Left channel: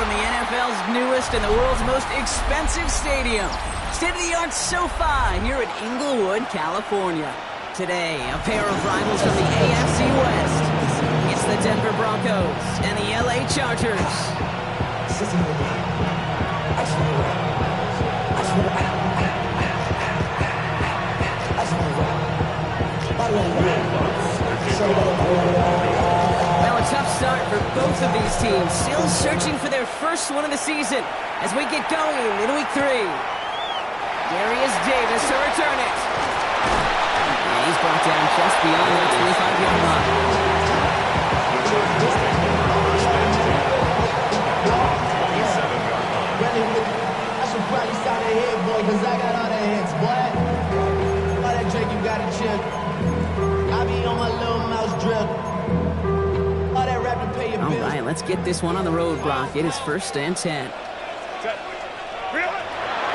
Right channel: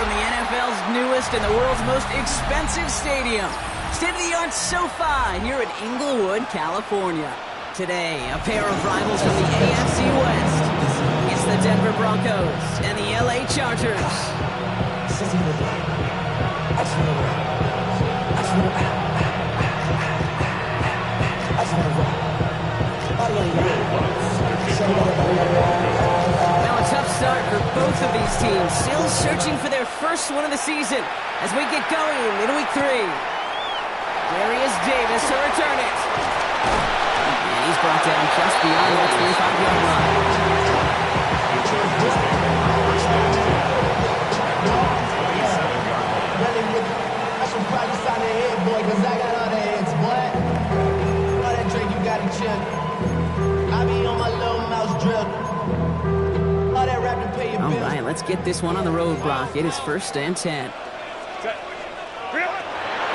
from the NFL's newest and the world's most expensive stadium. State-of-the-art SoFi here in Inglewood, California. Today, a pair of rivals from the AFC West. It's the Denver Broncos and the LA Chargers. Well, a tough start for both of these teams, still searching for their first win of the season as we get going in week 3. Darius Davis to return it. And he's brought down just beyond the 25-yard line. I should probably sign a head, boy, because I got all the heads, boy. All that Drake, you got it, chip. I be on my little mouse drip. All that rap to pay your bills. All right, let's get this one on the road, Brock. It is 1st and 10.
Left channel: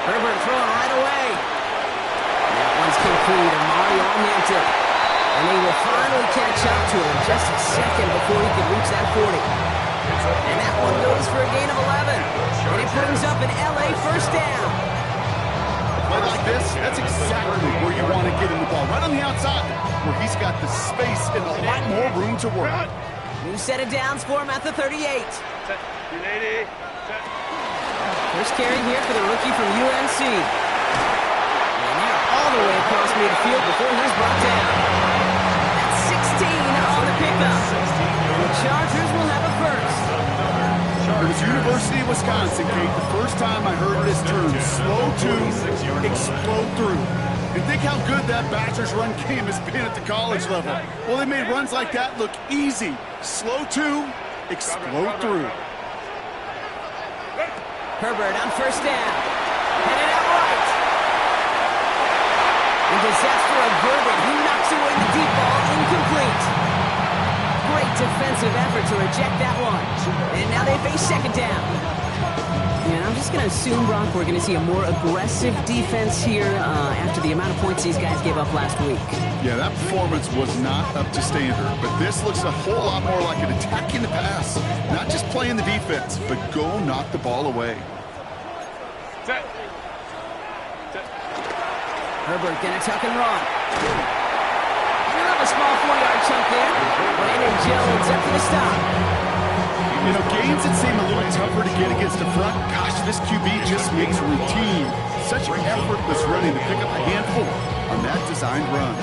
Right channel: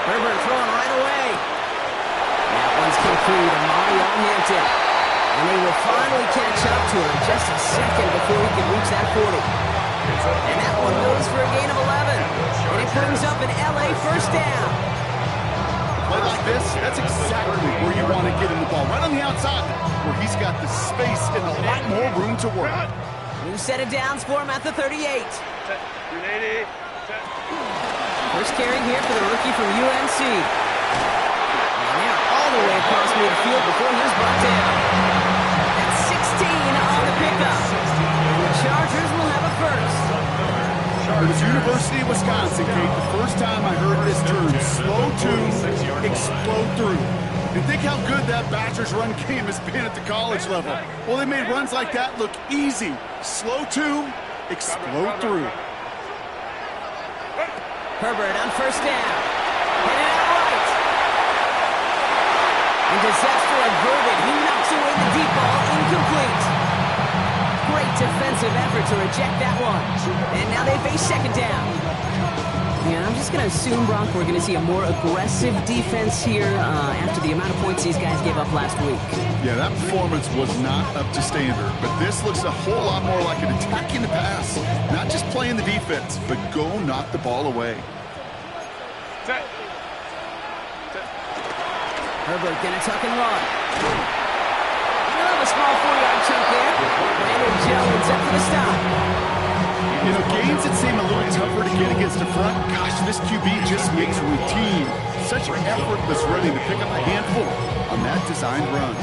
Herbert throwing right away. That one's complete to Mario Hampton. And they will finally catch up to him just a second before he can reach that 40. And that one goes for a gain of 11. And it brings up an LA first down. Play like this, that's exactly where you want to get in the ball. Right on the outside, where he's got the space and a lot more room to work. New set of downs for him at the 38. First carry here for the rookie from UNC. And they're all the way across midfield before he's brought down. That's 16 on the pickup. And the Chargers will have a first. It was University of Wisconsin, Kate, the first time I heard this term, slow to explode through. And think how good that Badgers run game has been at the college level. Well, they made runs like that look easy. Slow to explode through. Herbert on first down. Headed out right. And disaster averted. He knocks away the deep ball, incomplete. Great defensive effort to reject that one. And now they face second down. And I'm just going to assume, Brock, we're going to see a more aggressive defense here after the amount of points these guys gave up last week. Yeah, that performance was not up to standard, but this looks a whole lot more like an attacking the pass. Not just playing the defense, but go knock the ball away. Herbert going to tuck and run. He'll have a small 4-yard chunk there. Brandon Jones up for the stop. You know, games that seem a little tougher to get against the front, gosh, this QB just makes routine. Such effortless running to pick up a handful on that designed run.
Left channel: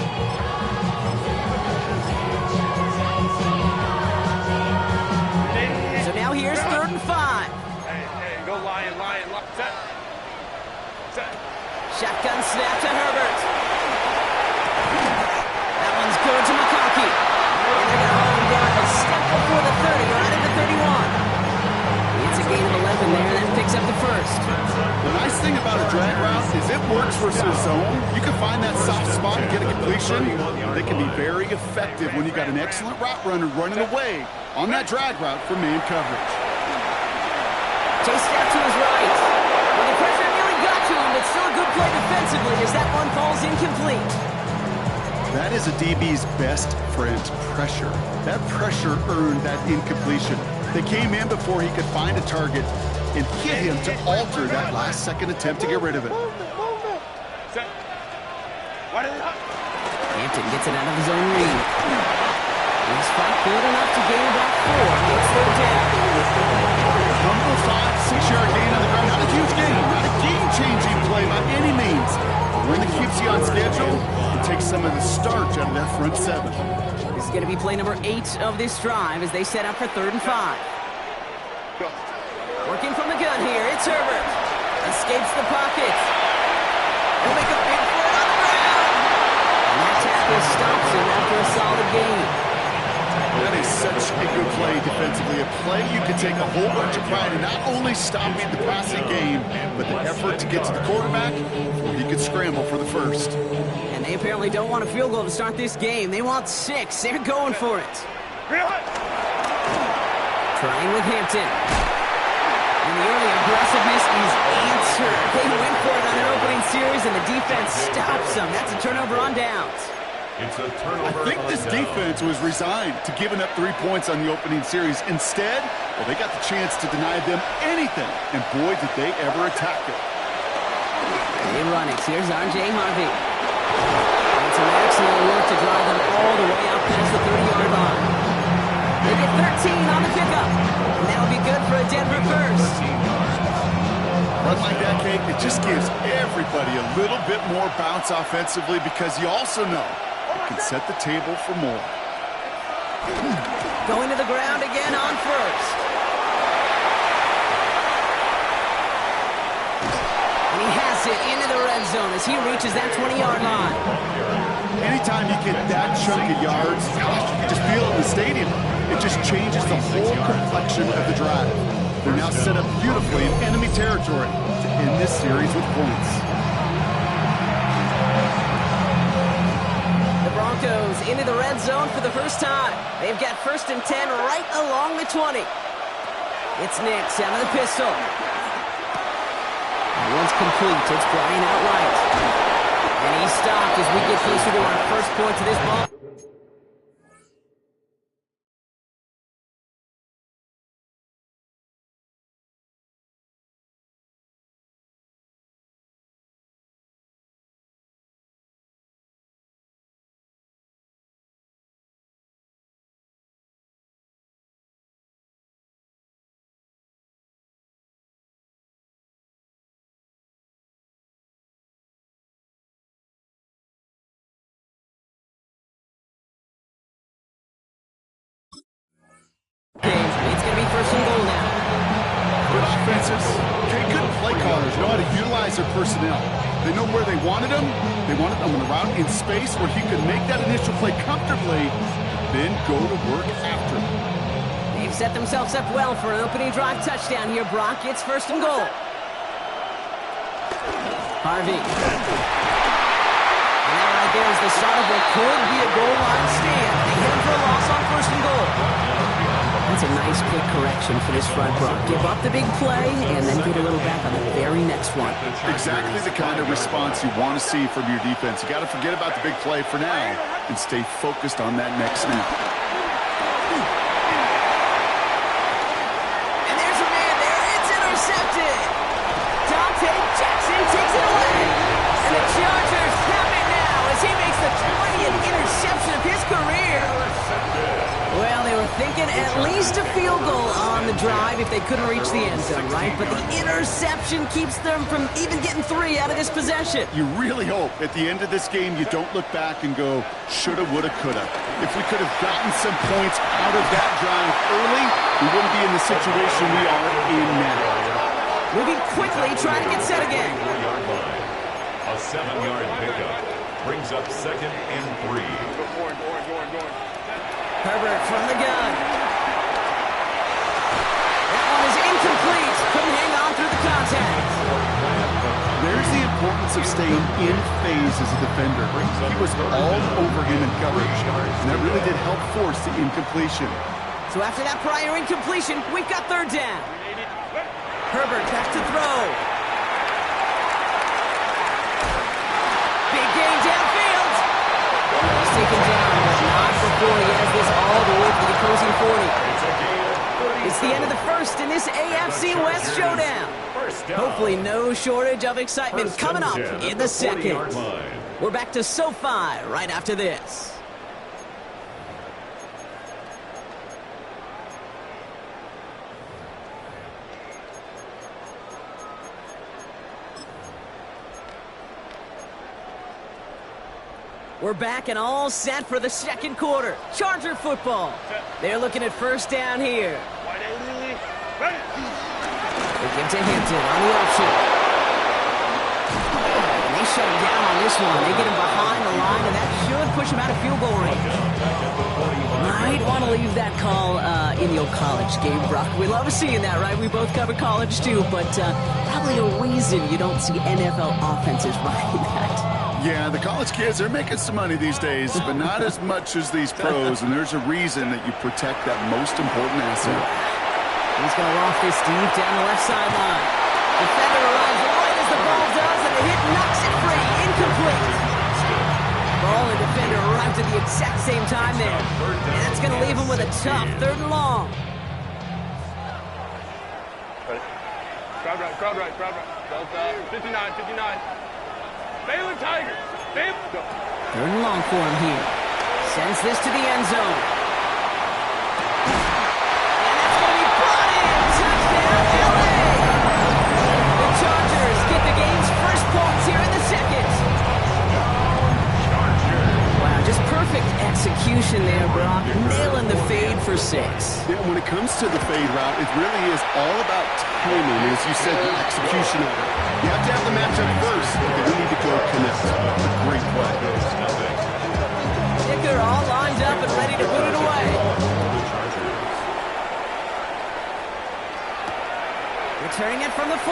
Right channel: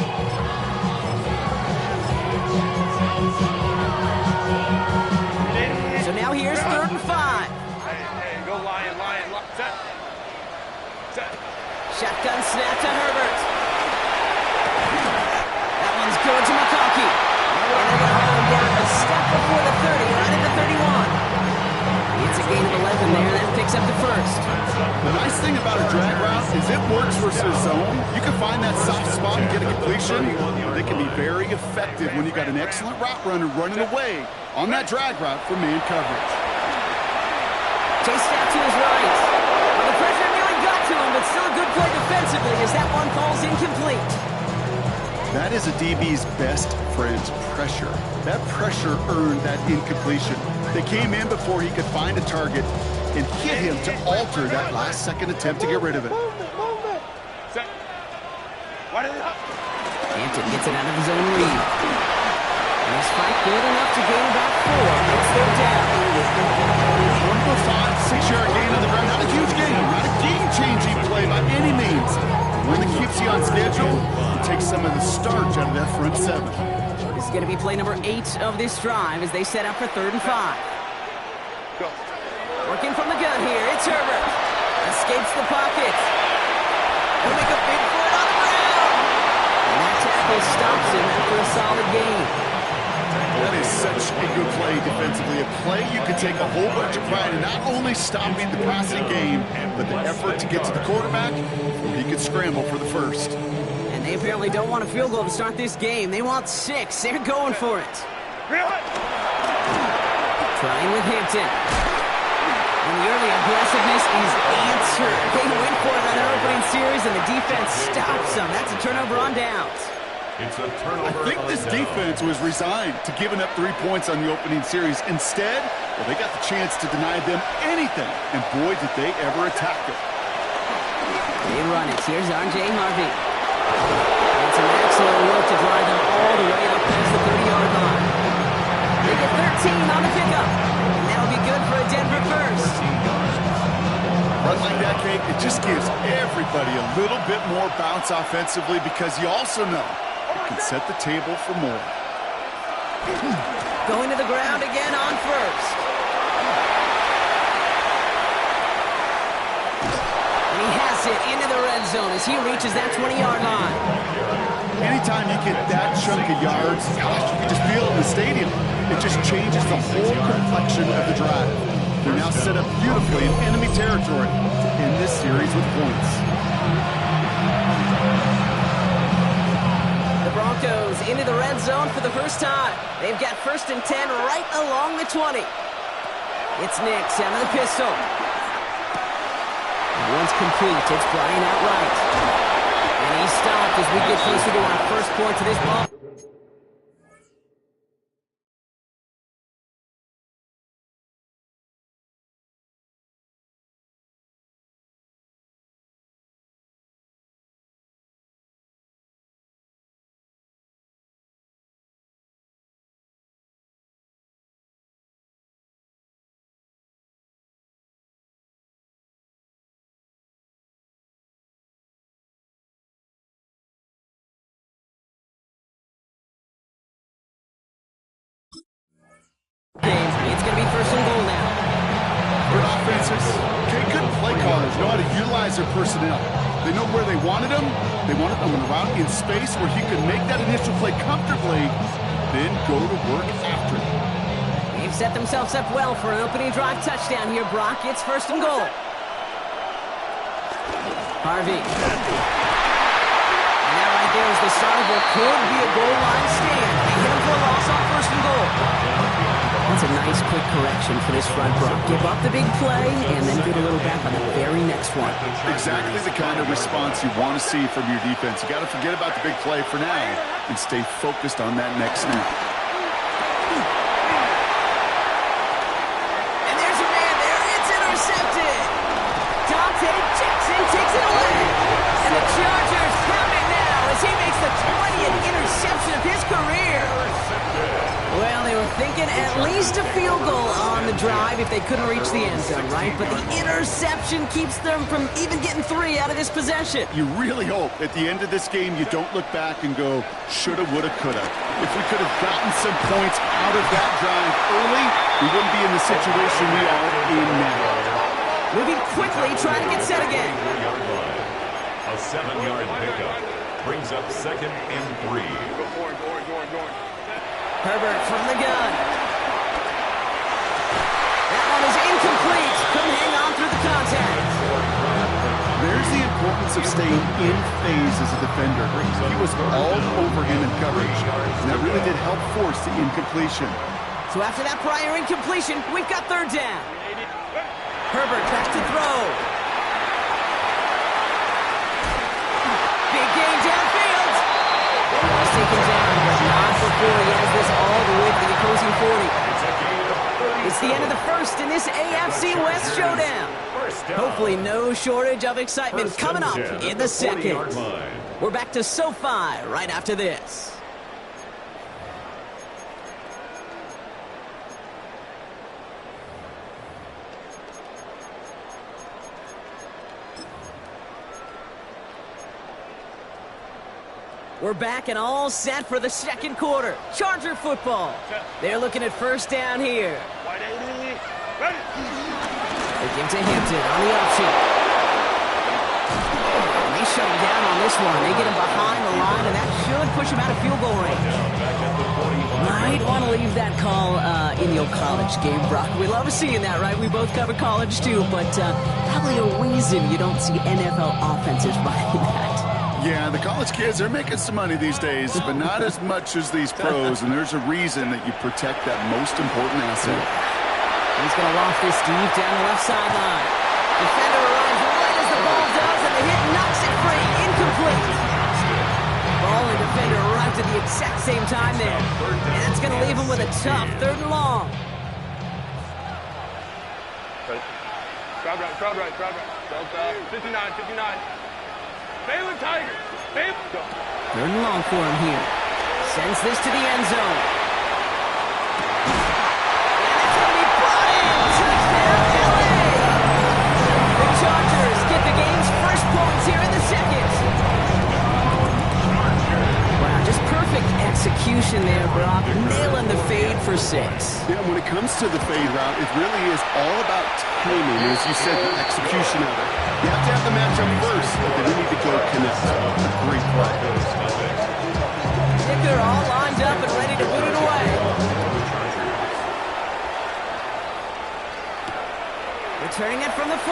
So now here's 3rd and 5. Hey, go Lion. Set. Shotgun snap to Herbert. That one's good to McConkey. And they're going to hold him down a step before the 30, right at the 31. It's a gain of 11 there, and that picks up the first. The nice thing about a drag route is it works versus zone. You can find that soft spot and get a completion. They can be very effective when you got an excellent route runner running away on that drag route for man coverage. Chased out to his right. Well, the pressure nearly got to him, but still a good play defensively as that one falls incomplete. That is a DB's best friend, pressure. That pressure earned that incompletion. They came in before he could find a target and hit him to alter that last-second attempt to get rid of it. Hampton gets it out of his own read. And his fight good enough to gain about 4. Makes 3rd down. 5, 6-yard gain on the ground. Not a huge gain. Not a game-changing play by any means. One that keeps you on schedule and takes some of the starch out of that front 7. This is going to be play number 8 of this drive as they set up for 3rd and 5. Working from the gun here, it's Herbert. Escapes the pocket. He'll make a big foot on the ground. And that tackle stops him after a solid gain. That is such a good play defensively. A play you can take a whole bunch of pride in not only stopping the passing game, but the effort to get to the quarterback before he could scramble for the first. And they apparently don't want a field goal to start this game. They want 6. They're going for it. Trying with Hampton. And the early aggressiveness is answered. They went for it on their opening series, and the defense stops them. That's a turnover on downs. It's a I turnover. think this defense was resigned to giving up 3 points on the opening series. Instead, well, they got the chance to deny them anything, and boy, did they ever attack it. They run it. Here's R.J. Harvey. And some excellent work to drive them all the way up past the 30-yard line. They get 13 on the pickup, and that'll be good for a Denver first. Run like that, Kate, it just gives everybody a little bit more bounce offensively because you also know it can set the table for more. Going to the ground again on first. And he has it into the red zone as he reaches that 20-yard line. Anytime you get that chunk of yards, gosh, you can just feel it in the stadium. It just changes the whole complexion of the drive. They're now set up beautifully in enemy territory to end this series with points. The Broncos into the red zone for the first time. They've got 1st and 10 right along the 20. It's Nix out of the pistol. And once complete, it's Brian outright. And he stopped as we get closer to our first point to this ball. It's going to be 1st and goal now. Good offenses. Okay, good play callers know how to utilize their personnel. They know where they wanted them. They wanted them on the route in space where he could make that initial play comfortably, then go to work after it. They've set themselves up well for an opening drive touchdown here, Brock. It's 1st and goal. Harvey. And that right there is the start of what could be a goal line stand. They hit him for a loss on 1st and goal. That's a nice quick correction for this front, Brock. Give up the big play and then get a little back on the very next one. Exactly the kind of response you want to see from your defense. You got to forget about the big play for now and stay focused on that next snap. And there's a man there. It's intercepted. Dante Jackson takes it away. And the Chargers have it now as he makes the 20th interception of his career. Well, they were thinking at least a field goal on the drive if they couldn't reach the end zone, right? But the interception keeps them from even getting 3 out of this possession. You really hope at the end of this game you don't look back and go, shoulda, woulda, coulda. If we could have gotten some points out of that drive early, we wouldn't be in the situation we are in now. Moving quickly, trying to get set again. A 7-yard pickup brings up 2nd and 3. Herbert from the gun. That one is incomplete. Couldn't hang on through the contact. There's the importance of staying in phase as a defender. He was all over him in coverage, and that really did help force the incompletion. So after that prior incompletion, we've got 3rd down. Herbert back to throw. Big gain downfield. He's taken down, but not before he has this all the way to the opposing 40. It's the end of the first in this AFC West showdown. Hopefully no shortage of excitement coming up in the second. We're back to SoFi right after this. We're back and all set for the second quarter. Charger football. They're looking at 1st down here. They give to Hampton on the option. And they shut him down on this one. They get him behind the line, and that should push him out of field goal range. Might want to leave that call in your college game, Brock. We love seeing that, right? We both cover college, too, but probably a reason you don't see NFL offenses running that. Yeah, the college kids, they're making some money these days, but not as much as these pros, and there's a reason that you protect that most important asset. He's going to loft this deep down the left sideline. Defender arrives right as the ball does, and the hit knocks it free. Incomplete. Ball ball and defender arrived at the exact same time there. And that's going to leave him with a tough 3rd and long. Crowd right. Delta, 59. Baylor Tigers. Go. 3rd and long for him here. Sends this to the end zone. And that's going to be brought in. Touchdown, LA! The Chargers get the game's first points here in the 2nd. Wow, just perfect execution there, Brock. Nailing the fade for 6. Yeah, when it comes to the fade route, it really is all about timing, as you said, the execution of it. You have to have the matchup first, but then you need to go connect. A great play. Kicker all lined up and ready to boot it away. Returning it from the 4.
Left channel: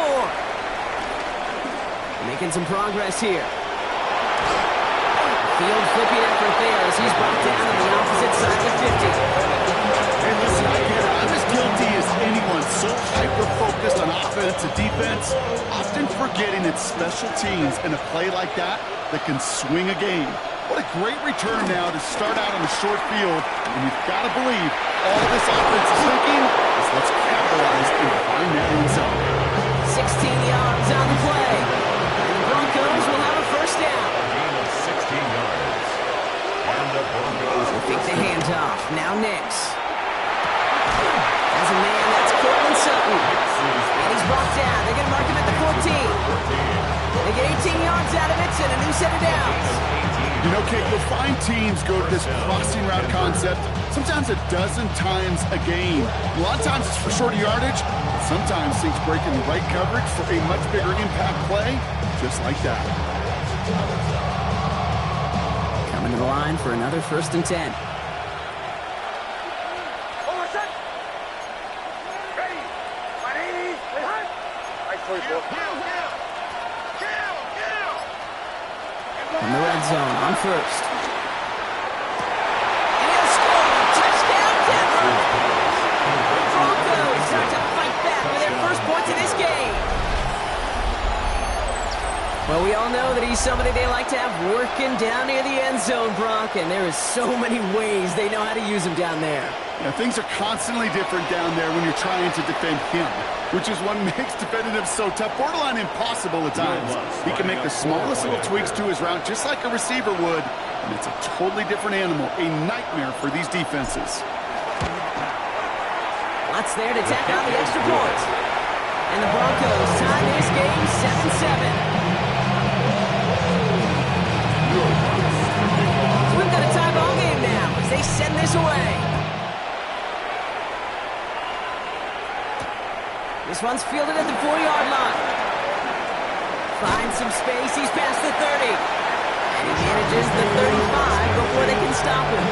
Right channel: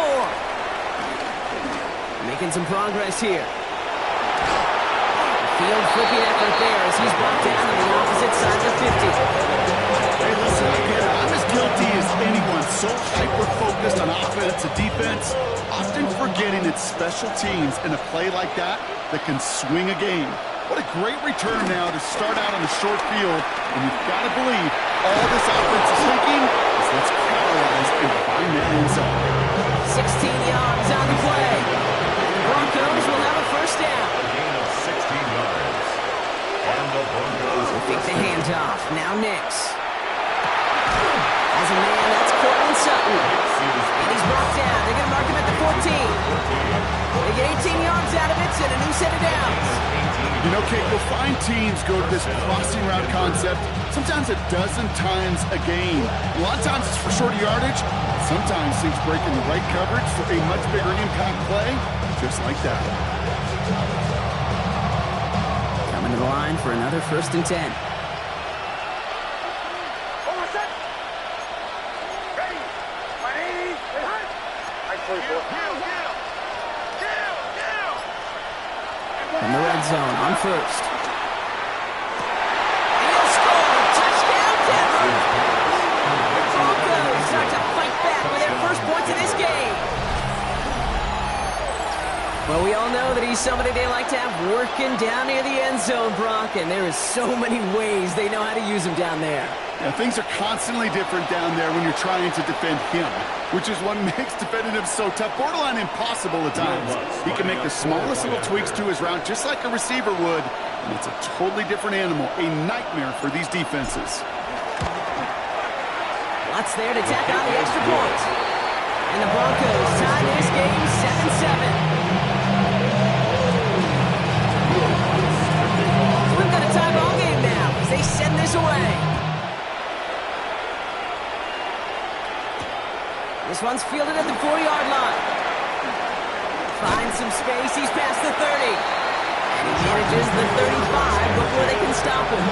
Making some progress here. Field flipping effort there as he's brought down on the opposite side of the 50. Hey, listen, I get it. I'm as guilty as anyone. So hyper-focused on offense and defense, often forgetting it's special teams in a play like that can swing a game. What a great return now to start out on the short field. And you've got to believe all this offense is thinking is let's capitalize and find that end zone. 16 yards on the play. And the Broncos will have a first down. A gain of 16 yards. And the Broncos will fake the handoff. Now Nix. As a man, that's Cortland Sutton. And he's brought down. They're going to mark him at the 14. They get 18 yards out of it and a new set of downs. You know, Kate, you'll find teams go to this crossing route concept sometimes a dozen times a game. A lot of times it's for shorter yardage. Sometimes things break in the right coverage for a much bigger impact play, just like that. Coming to the line for another 1st and 10. From the red zone on 1st. And he'll score! Touchdown, Denver! The Broncos start to fight back with their first points of this game. Well, we all know that he's somebody they like to have working down near the end zone, Brock, and there is so many ways they know how to use him down there. Yeah, things are constantly different down there when you're trying to defend him, which is what makes defending him so tough, borderline impossible at times. He can make the smallest little tweaks to his route just like a receiver would, and it's a totally different animal, a nightmare for these defenses. Lots there to tack on the extra point. And the Broncos tie this game 7-7. We've got a tie ball game now as they send this away. This one's fielded at the 4-yard line. Finds some space. He's past the 30. And he manages the 35 before they can stop him.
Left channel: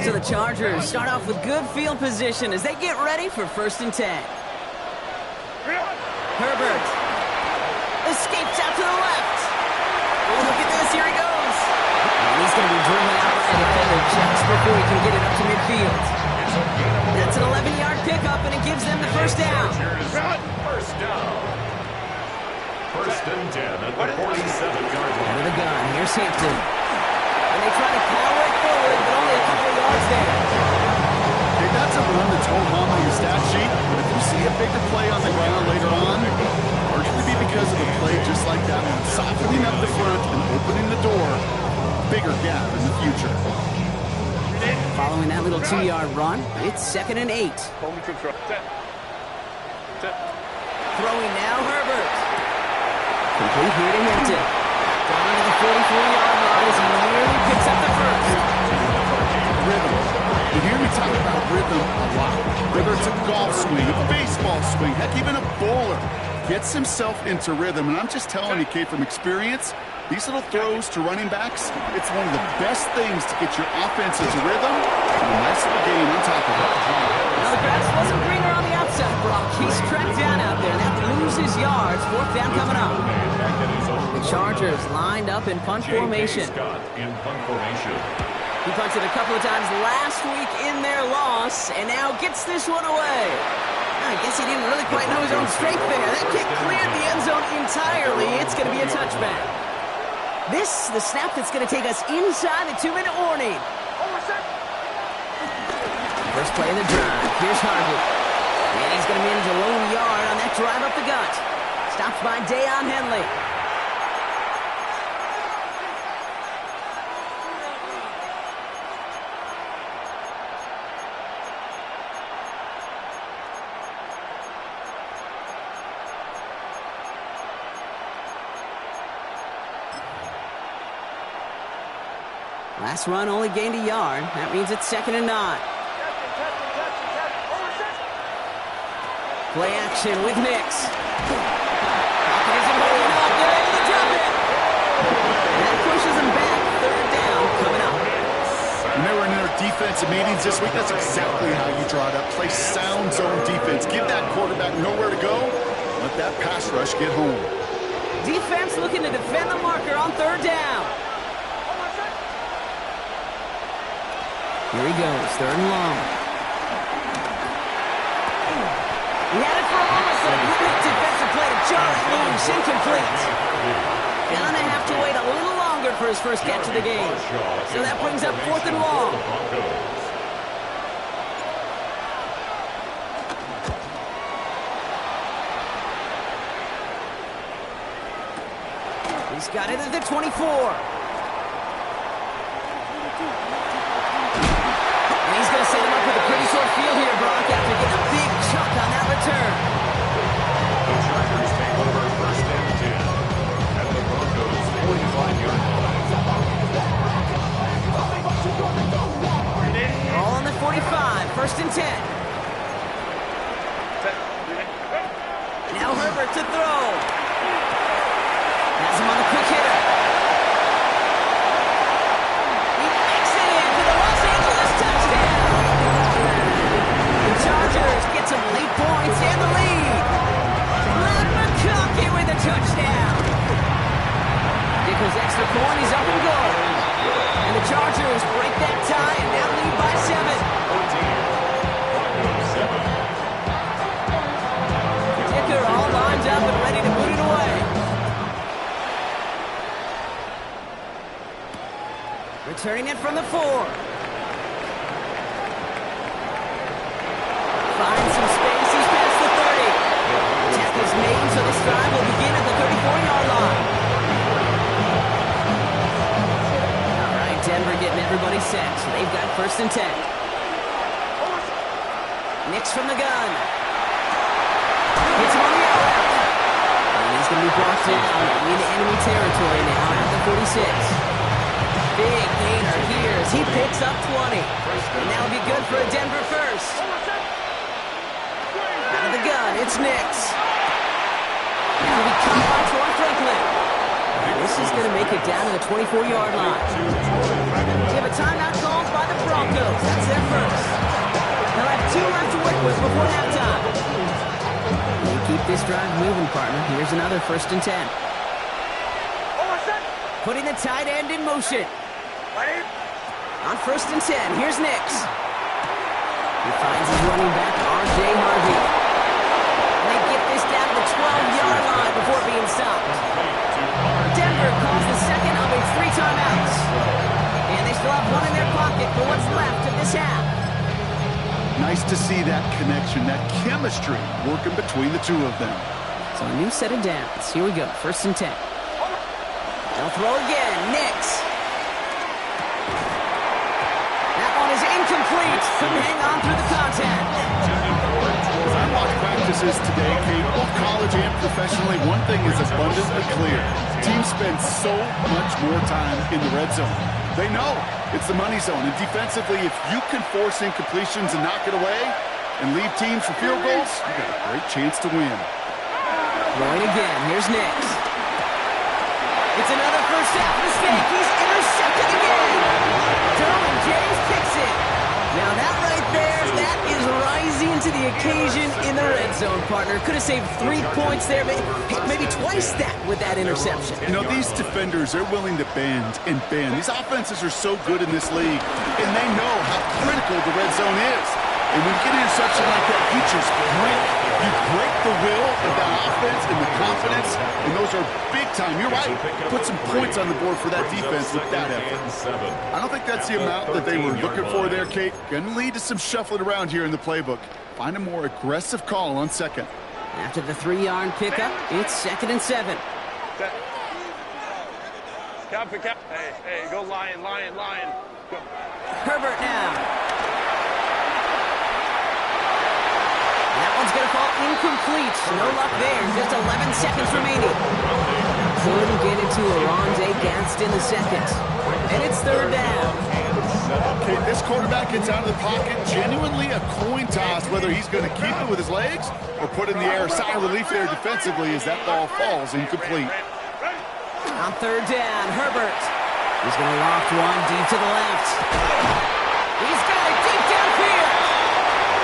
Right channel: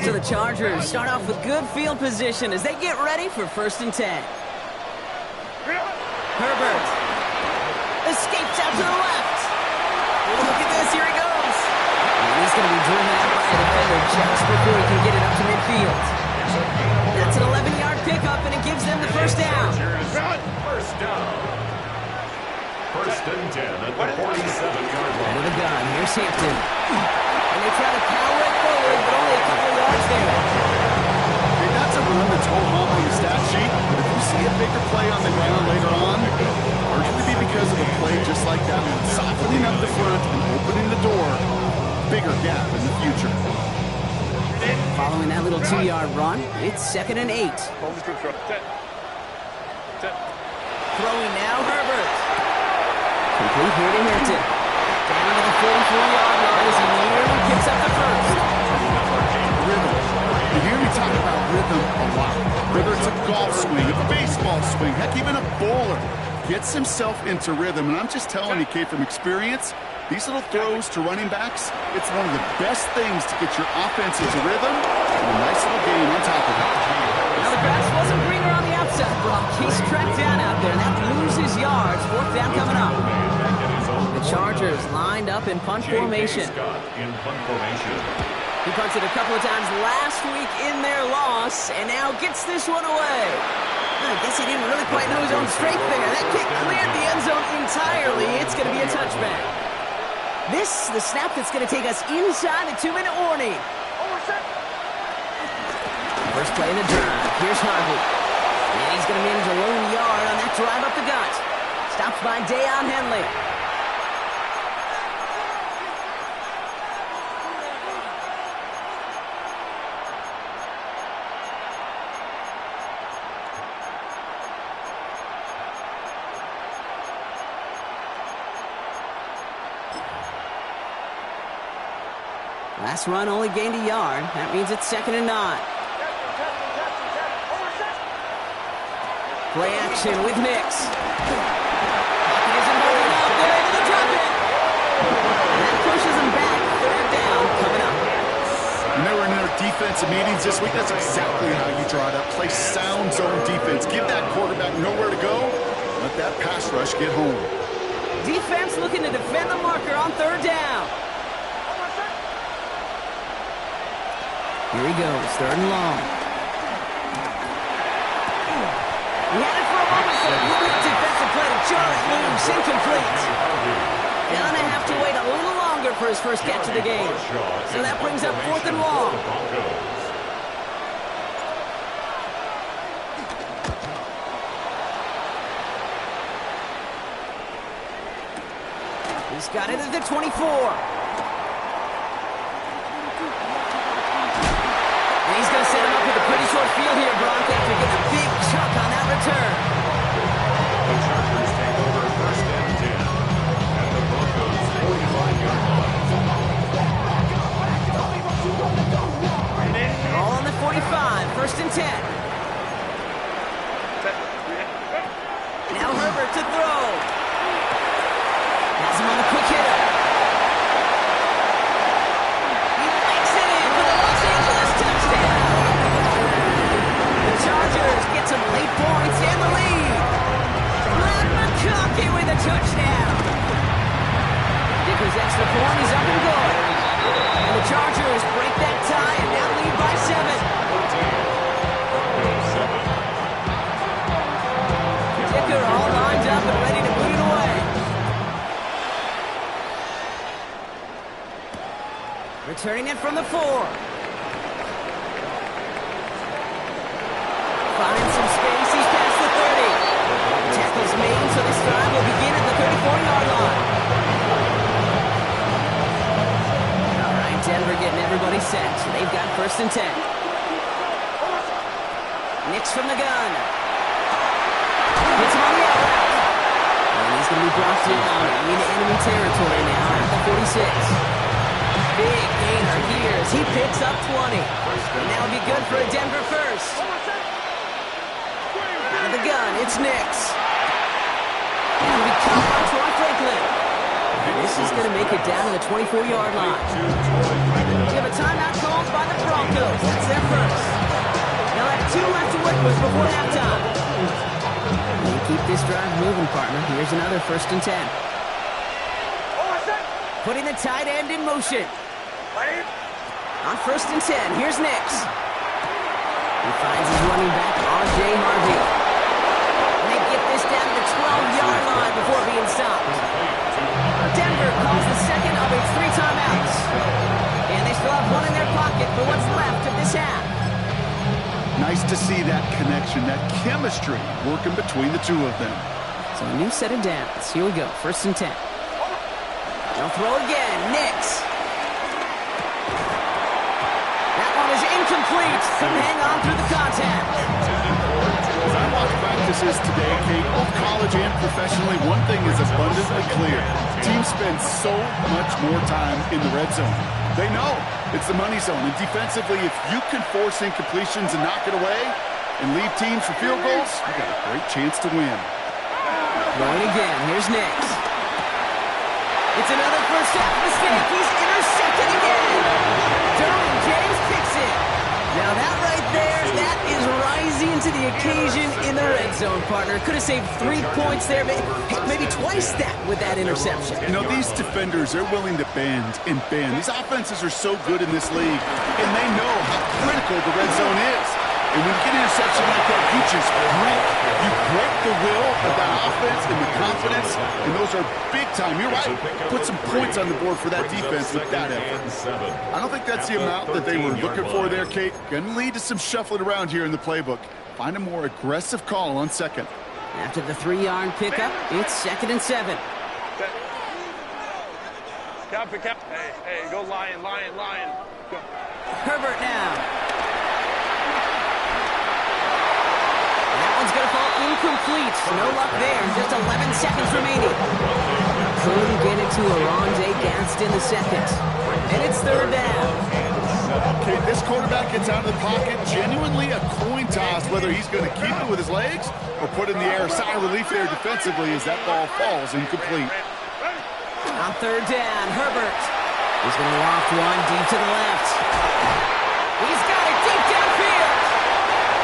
So the Chargers start off with good field position as they get ready for 1st and 10. Herbert escapes out to the left. Oh, look at this. Here he goes. And he's going to be driven out by a defender just before he can get it up to midfield. That's an 11-yard pickup, and it gives them the first down. First down. 1st and 10 at the 47-yard line. Out of the gun. Here's Hampton. And they try to power it forward, but only a couple of yards there. Okay, that's a run that's hold on your stat sheet, but if you see a bigger play on the ground later on, largely be because of a play just like that one, softening up the front and opening the door, bigger gap in the future. Following that little 2-yard run, it's 2nd and 8. Throwing now, Herbert. Complete here to Hampton. Down to the 44-yard line as he nearly picks up the first. Rhythm. You hear me talk about rhythm a lot. Whether it's a golf swing, a baseball swing, heck, even a bowler gets himself into rhythm. And I'm just telling you, Kate, from experience, these little throws to running backs, it's one of the best things to get your offense into rhythm and a nice little gain on top of it. Now the grass wasn't greener on the outside outside, Brock. He's tracked down out there, and that loses yards. Fourth down coming up. The Chargers lined up in punt formation. He punted a couple of times last week in their loss, and now gets this one away. I guess he didn't really quite know his own strength there. That kick cleared the end zone entirely. It's going to be a touchback. This, the snap that's going to take us inside the 2-minute warning. First play of the drive. Here's Harvey. And he's going to manage a lone yard on that drive up the gut. Stopped by Deion Henley. Last run only gained a yard. That means it's 2nd and 9. Play action with Nix. Pocket isn't holding up. They're able to drop it. And that pushes them back. 3rd down coming up. When they were in their defensive meetings this week, that's exactly how you draw it up. Play sound zone defense. Give that quarterback nowhere to go. Let that pass rush get home. Defense looking to defend the marker on 3rd down. Here he goes, 3rd and long. He had it for a moment, but a great defensive play to jar it loose, incomplete. Gonna have to wait a little longer for his first catch of the game. So that brings up 4th and long. He's got it at the 24. And he's going to set him up with a pretty short field here, Brock, after getting a big chunk on that return. The Chargers take over 1st and 10 at the Broncos' 45-yard line. All on the 45, 1st and 10. Now Herbert to throw. Has him on the quick hitter. He makes it in for the Los Angeles touchdown. The Chargers get some late points and the lead. Matt McConkey with a touchdown. Dicker's extra point, he's up and good. And the Chargers break that tie and now lead by 7. Dicker all lined up and ready to boot it away. Returning it from the 4. Finds some space. He's past the 30. The tackle's made, so this drive will begin at the 34-yard line. All right, Denver getting everybody set. So they've got 1st and 10. Nix from the gun. Hits him on the out route. And he's going to be brought down into enemy territory now at the 46. Big gainer here as he picks up 20. And that'll be good for a Denver first. Out of the gun, it's Nix. That'll be caught by Troy Franklin. And this is going to make it down to the 24-yard line. We have a timeout called by the Broncos. That's their first. They'll have 2 left to work with before halftime. They keep this drive moving, partner. Here's another 1st and 10. Putting the tight end in motion. On 1st and 10, here's Nix. He finds his running back, R.J. Harvey. And they get this down to the 12-yard line before being stopped. Denver calls the second of its 3 timeouts. And they still have 1 in their pocket for what's left of this half. Nice to see that connection, that chemistry working between the two of them. So a new set of downs. Here we go, 1st and 10. They'll throw again, Nix. That one is incomplete. Couldn't hang on through the contact. As I watch practices today, Kate, both college and professionally, one thing is abundantly clear. Teams spend so much more time in the red zone. They know it's the money zone. And defensively, if you can force incompletions and knock it away and leave teams for field goals, you got a great chance to win. Throwing again. Here's Nix. It's another first half mistake. He's intercepted again. Derwin James picks it. Now that right there, that is is rising to the occasion in the red zone, partner. Could have saved 3 points there, maybe twice that with that interception. You know, these defenders, they're willing to bend and bend. These offenses are so good in this league, and they know how critical the red zone is. And when you get an interception like that, you just break. You break the will of that offense and the confidence, and those are big time. You're right. Put some points on the board for that defense with that effort. I don't think that's the amount that they were looking for there, Kate. Going to lead to some shuffling around here in the playbook. Find a more aggressive call on second. After the 3-yard pickup, it's 2nd and 7. Hey, go Lion. Go. Herbert now. That one's going to fall incomplete. No luck there. Just 11 seconds remaining. Couldn't get it to Arondé Gaston the second. And it's 3rd down. Okay, this quarterback gets out of the pocket. Genuinely a coin toss whether he's going to keep it with his legs or put it in the air. Sigh of relief there defensively as that ball falls incomplete. On 3rd down, Herbert. He's going to loft one deep to the left. He's got it deep downfield.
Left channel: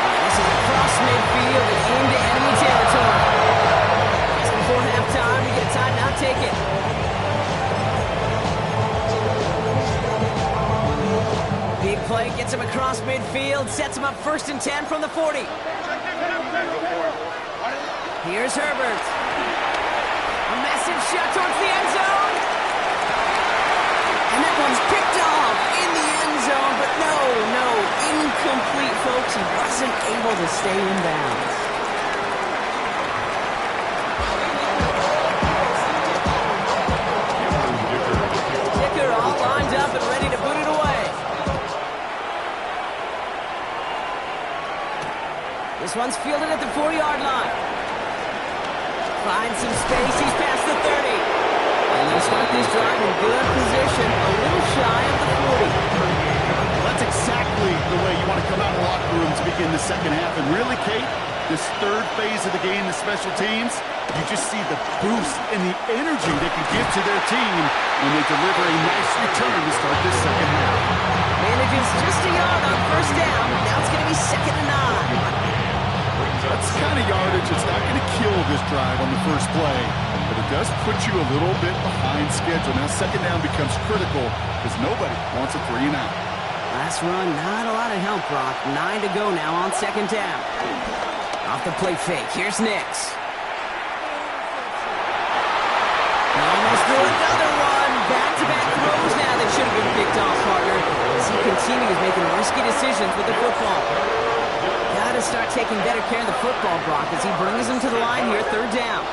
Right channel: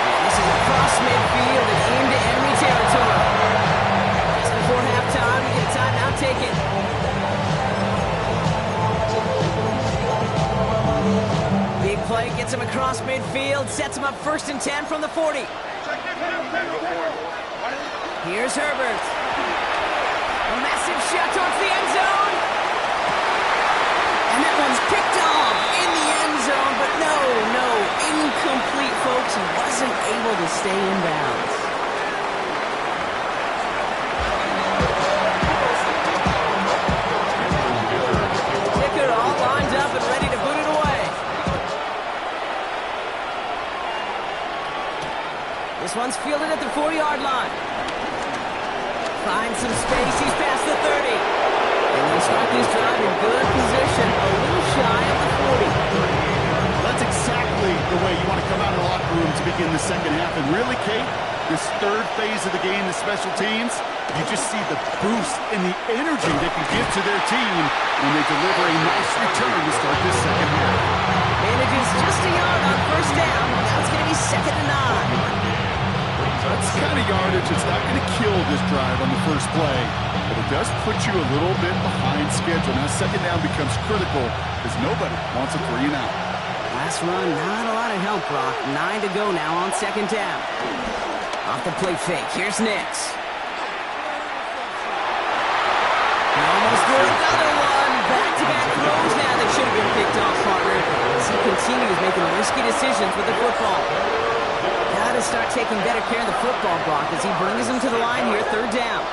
And this is across midfield and into enemy territory. Just before halftime, we get a timeout taken. Big play gets him across midfield, sets him up 1st and 10 from the 40. Here's Herbert. A massive shot towards the end zone. And that one's picked off in the end zone, but no, incomplete, folks. He wasn't able to stay in bounds. Kicker all lined up and ready to boot it away. This one's fielded at the 4-yard line. Finds some space. He's past the 30. And they'll start this drive in good position, a little shy of the 40. That's exactly the way you want to come out of the locker room to begin the second half. And really, Kate, this 3rd phase of the game, the special teams, you just see the boost and the energy they can give to their team when they deliver a nice return to start this second half. Manages just a yard on 1st down. Now it's going to be 2nd and 9. That's the kind of yardage that's not going to kill this drive on the first play, but it does put you a little bit behind schedule. Now 2nd down becomes critical because nobody wants a 3 and out. Last run, not a lot of help, Brock. 9 to go now on 2nd down. Off the play fake, here's Nix. Almost threw another one. Back-to-back throws now that should have been picked off, partner. As he continues making risky decisions with the football. Got to start taking better care of the football, Brock, as he brings him to the line here, 3rd down.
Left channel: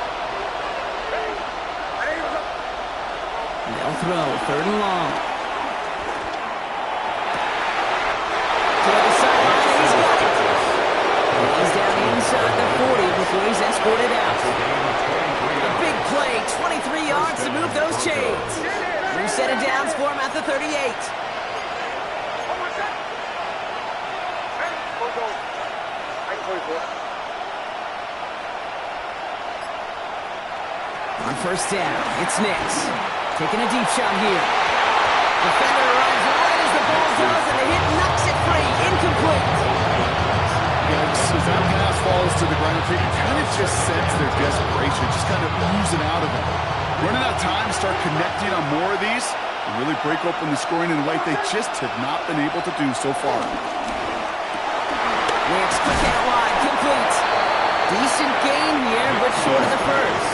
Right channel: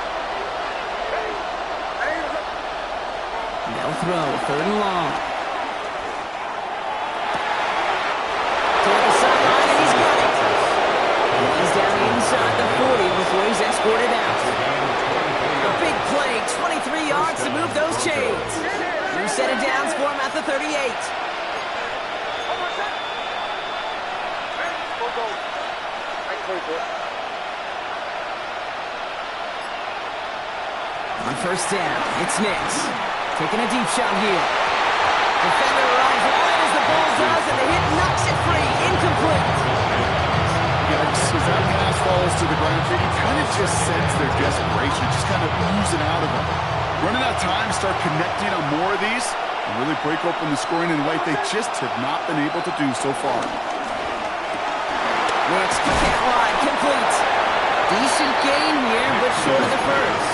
They'll throw, 3rd and long. Toward the sideline, and he's got it. And he's down inside the 40 before he's escorted out. A big play, 23 yards to move those chains. New set of downs for him at the 38. On 1st down, it's Nix. Taking a deep shot here. Defender arrives right as the ball does, and the hit knocks it free. Incomplete. As that pass falls to the ground, you kind of just sense their desperation, just kind of oozing out of them. Running out of time to start connecting on more of these and really break open the scoring in a way they just have not been able to do so far. Nix, quick out wide, complete. Decent gain here, but short of the first.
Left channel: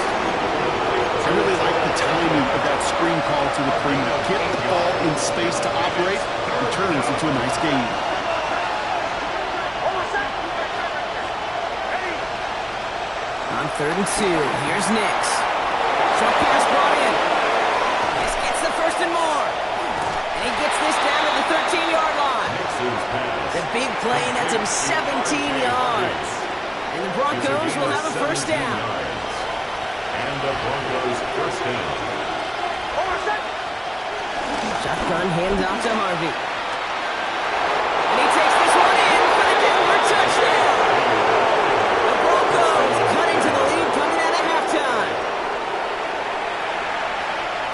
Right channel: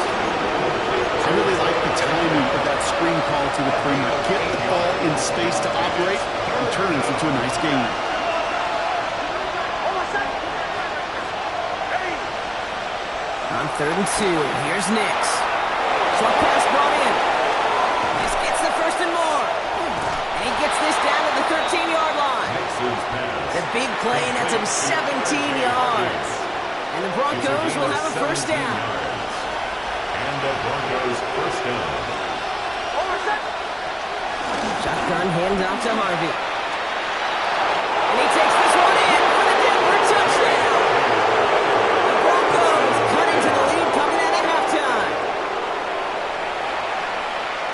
I really like the timing of that screen call to the perimeter. Get the ball in space to operate, and turns into a nice gain. On 3rd and 2, here's Nix. Short pass brought in. This gets the 1st and more. And he gets this down to the 13-yard line. The big play nets him 17 yards. And the Broncos will have a 1st down. And the Broncos 1st down. Shotgun handoff to Harvey. And he takes this one in for the Denver touchdown. The Broncos cut into the lead coming out of halftime.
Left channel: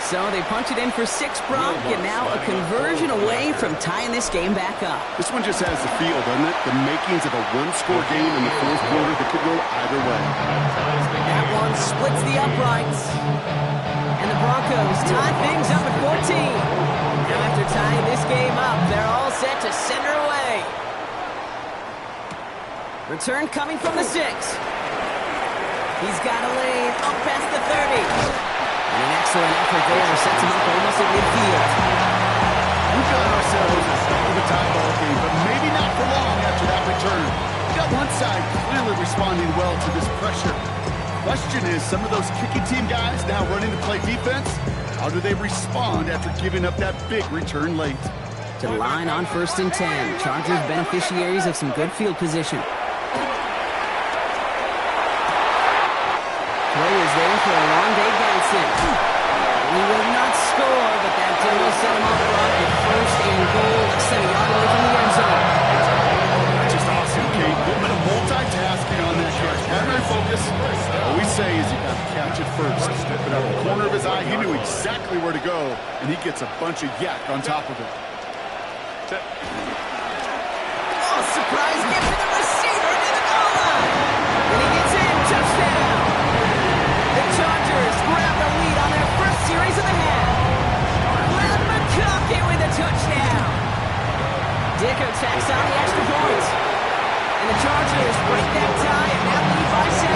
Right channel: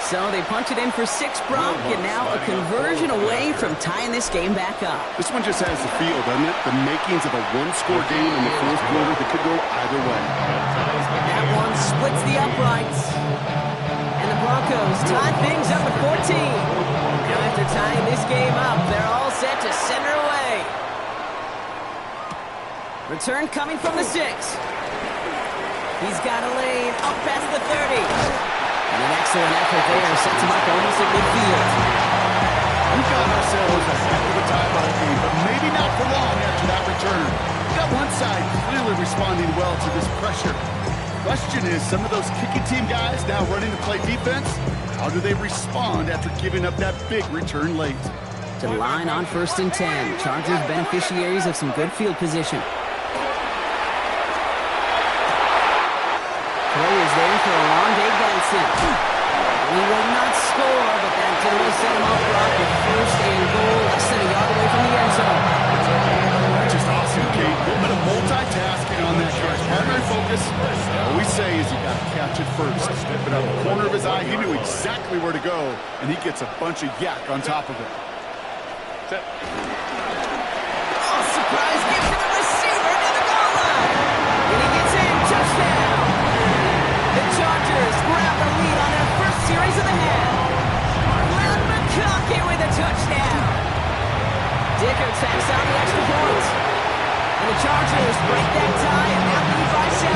So they punch it in for 6, Brock, and now a conversion away from tying this game back up. This one just has the feel, doesn't it? The makings of a one-score game in the fourth quarter that could go either way. That one splits the uprights. And the Broncos tie things up at 14. Now after tying this game up, they're all set to send her away. Return coming from the 6. He's got a lane up past the 30. And an excellent effort there sets him up almost at midfield. We've got ourselves a heck of a tie ball game, but maybe not for long after that return. We got one side clearly responding well to this pressure. Question is, some of those kicking team guys now running to play defense, how do they respond after giving up that big return late? To the line on 1st and 10. Chargers beneficiaries of some good field position. Throw is there for Alonde Ganson. He will not score, but that will set him up, Brock, with 1st and goal, less than a yard away from the end zone. That's just awesome, Kate. A little bit of multitasking on that catch. Primary focus, all we say is you got to catch it first. But out of the corner of his eye, he knew exactly where to go, and he gets a bunch of yak on top of it. Oh, surprise gift to the receiver near the goal line. And he gets in, touchdown. The Chargers grab the lead on their first series of the half. Glenn McConkey with a touchdown. Dicker tacks on the extra point. And the Chargers break that tie and now lead by 7.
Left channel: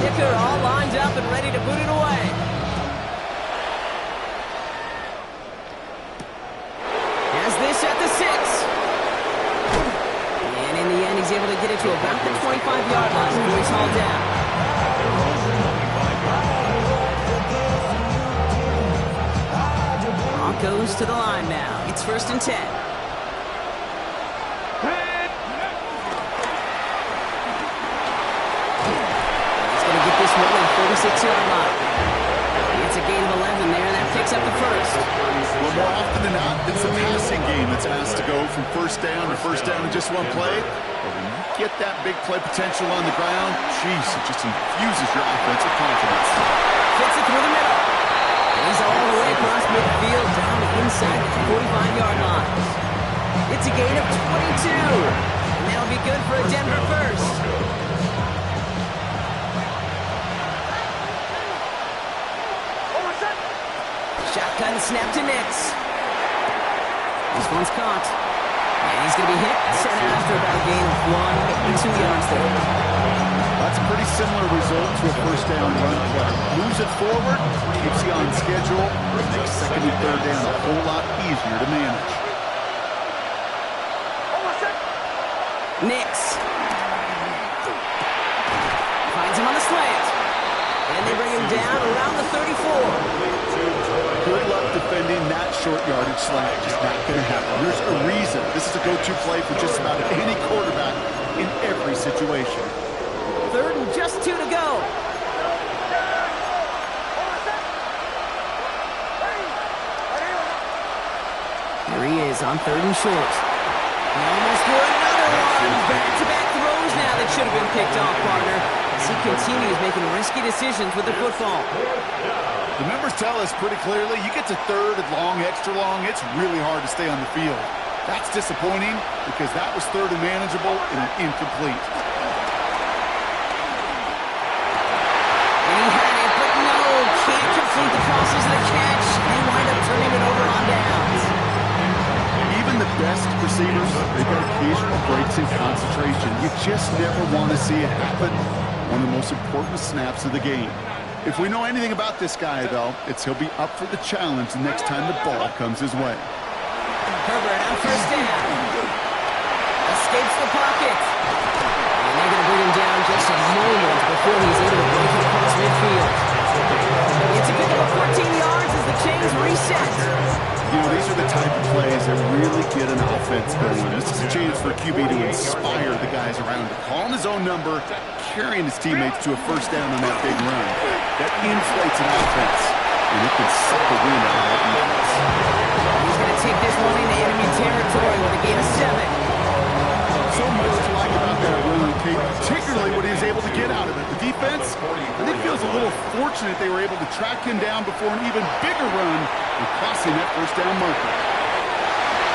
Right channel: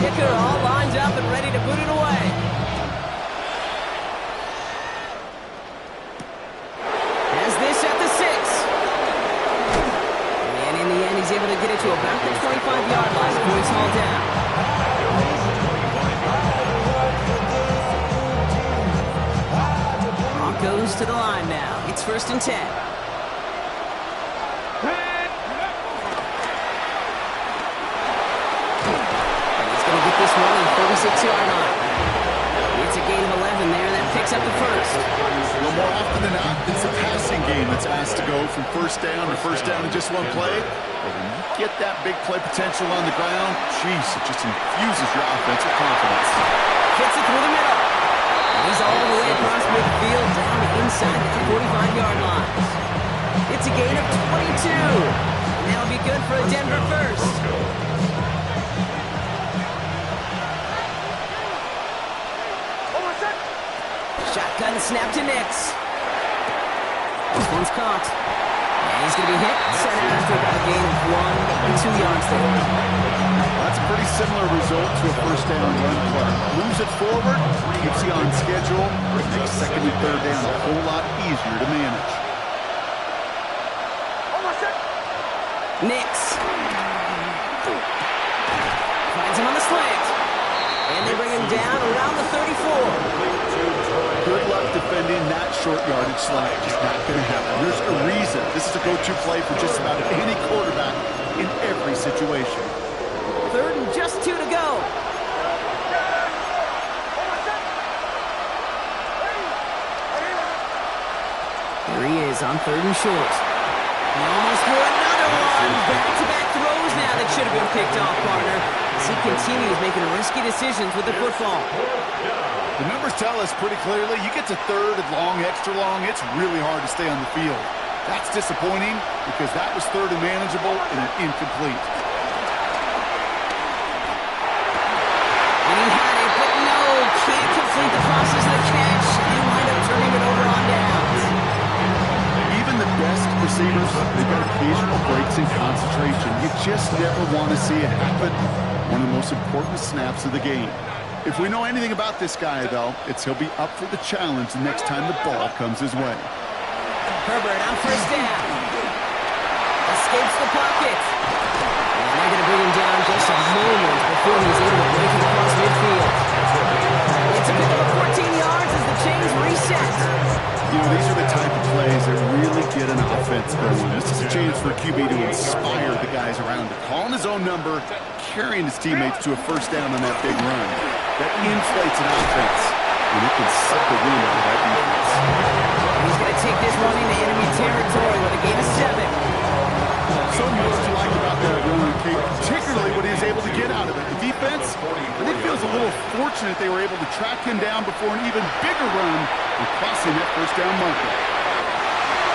Dicker all lined up and ready to boot it away. Has this at the 6. And in the end, he's able to get it to about the 25-yard line before he's hauled down. Broncos to the line now. It's 1st and 10. Going to get this one on the 36-yard line. It's a gain of 11 there, and that picks up the 1st. Well, more often than not, it's a passing game that's asked to go from 1st down to 1st down in just one play. But when you get that big play potential on the ground, geez, it just infuses your offensive confidence. Fits it through the middle. And he's all the way across midfield down inside that 45-yard line. It's a gain of 22. And that'll be good for a Denver 1st. Shotgun snap to Nix. This one's caught. And he's going to be hit, sent out after about a gain of 1 and 2 yards there. That's a pretty similar result to a 1st down run play. Moves it forward, keeps you on schedule, makes 2nd and 3rd down a whole lot easier to manage. Nix. Finds him on the slant. And they bring him down around the 34. Good luck defending that short yardage slant. Just not going to happen. There's a reason. This is a go-to play for just about any quarterback in every situation. 3rd and just 2 to go. There he is on 3rd and short. He almost threw another one. Back-to-back throws now that should have been picked off, partner. As he continues making risky decisions with the football. The numbers tell us pretty clearly, you get to 3rd and long, extra long, it's really hard to stay on the field. That's disappointing because that was 3rd and manageable and an incomplete. And he had it, but no, can't complete the process of the catch. They wind up turning it over on downs. Even the best receivers, they've got occasional breaks in concentration. You just never want to see it happen. One of the most important snaps of the game. If we know anything about this guy, though, it's he'll be up for the challenge the next time the ball comes his way. Herbert on 1st down. Escapes the pocket. And they're going to bring him down just a moment before he's able to break it across midfield. It's a pickup of 14 yards as the chains reset. You know, these are the type of plays that really get an offense going. This is a chance for a QB to inspire the guys around him. Calling his own number, carrying his teammates to a 1st down on that big run. That inflates an offense. and it can suck the wind out of that defense. He's going to take this one into enemy territory with a gain of 7. So much to like about that run, Kate, particularly what he was able to get out of it. The defense, I think, feels a little fortunate they were able to track him down before an even bigger run and crossing that first down marker.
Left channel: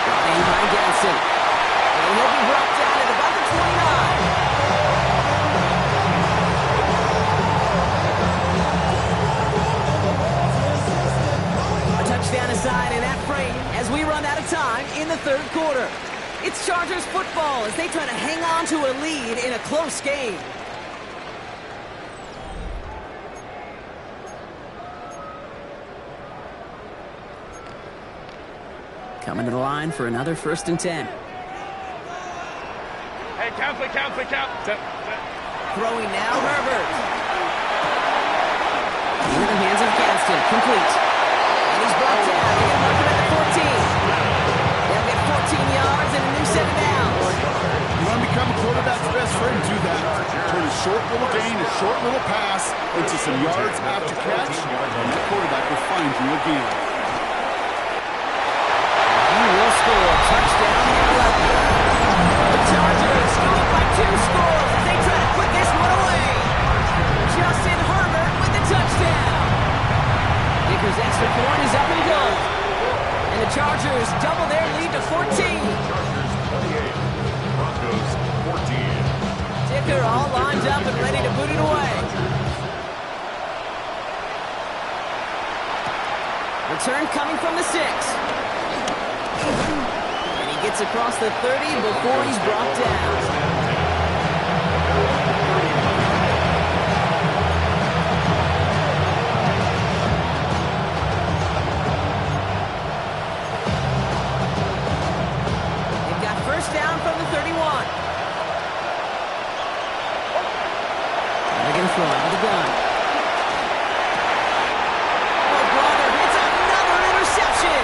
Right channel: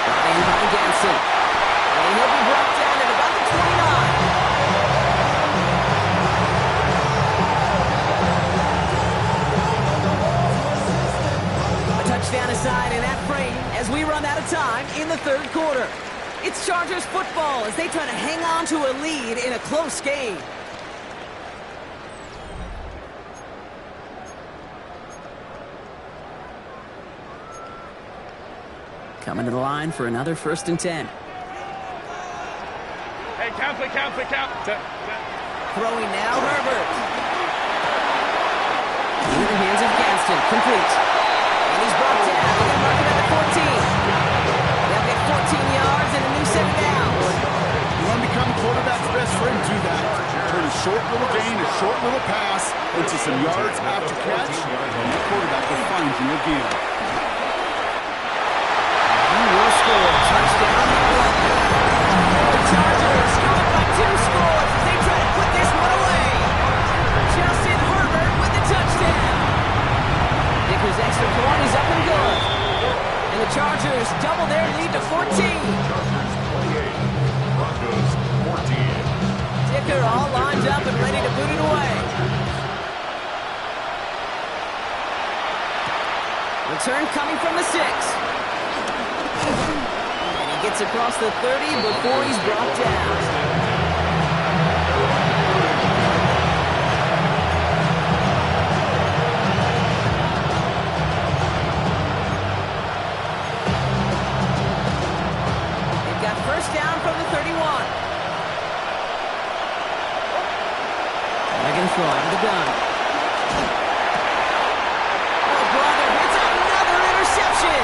Brought in by Ganson. And he'll be brought down at about the 29. Touchdown aside in that frame as we run out of time in the third quarter. It's Chargers football as they try to hang on to a lead in a close game. Coming to the line for another 1st and 10. Hey, count. Throwing now, Herbert. Into the hands of Gadsden, complete. And he's brought down. They're going to mark him at the 14. They'll get 14 yards and a new set of downs. You want to become a quarterback's best friend, do that. Turn a short little gain, a short little pass into some yards after catch, and the quarterback will find you again. He will score. Touchdown, 11. The Chargers go up by 2 scores as they try to put this one away. Justin Herbert with the touchdown. Vickers' extra point is up and good. And the Chargers double their lead to 14. Chargers 28, Broncos 14. Dicker all lined up and ready to boot it away. Return coming from the 6. And he gets across the 30 before he's brought down. First down from the 31. They're going to throw out of the gun. Oh, brother, it's another interception.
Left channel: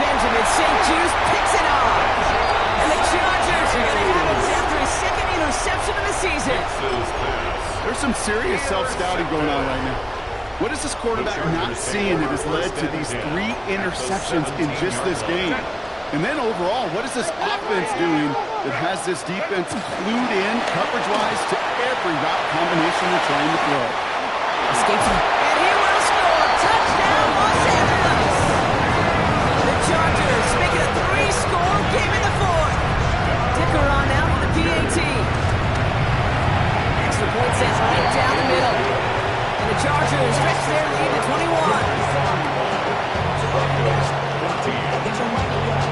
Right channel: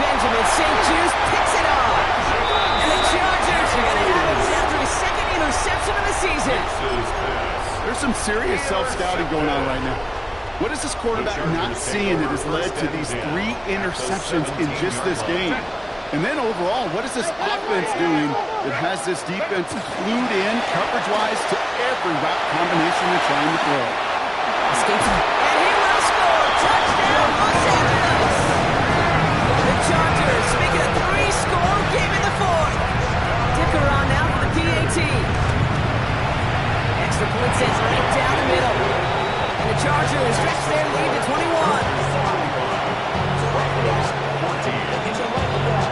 Benjamin St. Juice picks it off. And the Chargers are going to have it after his 2nd interception of the season. There's some serious self-scouting going on right now. What is this quarterback not seeing that has led to these 3 interceptions in just this game? And then overall, what is this offense doing that has this defense clued in coverage-wise to every route combination they're trying to throw? Escapes him. And he will score. Touchdown, Los Angeles. The Chargers make it a 3-score game in the 4th. Dicker on now for the PAT. Extra point sent right down the middle. And the Chargers stretch their lead to 21. 14. Get your money up.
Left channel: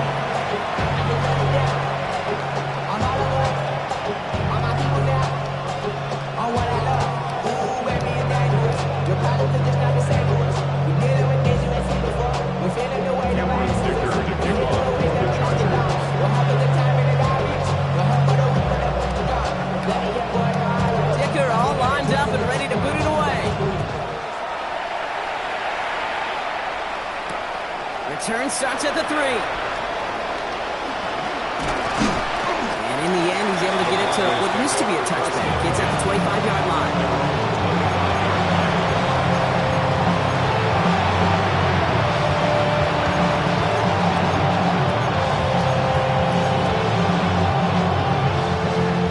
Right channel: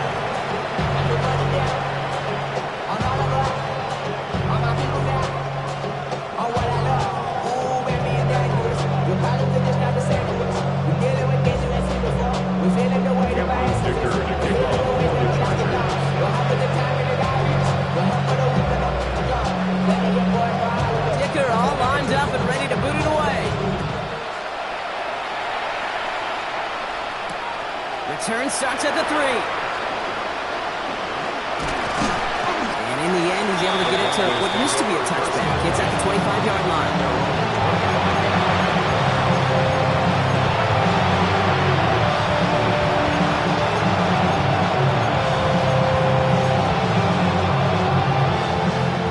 And your money down. On all of us. On my people down. On what I love. Ooh, baby, it's dangerous. Your problems are just not the same to us. We dealing with things you ain't seen before. We feeling the way the vibes is. Dicker to kick off for the Chargers. You'll have the time in the garbage. You'll help for the week with the job. Letting your boy know. Dicker all lined up and ready to boot it away. Return starts at the 3. And in the end, he's able to get it to what used to be a touchback. It's at the 25-yard line.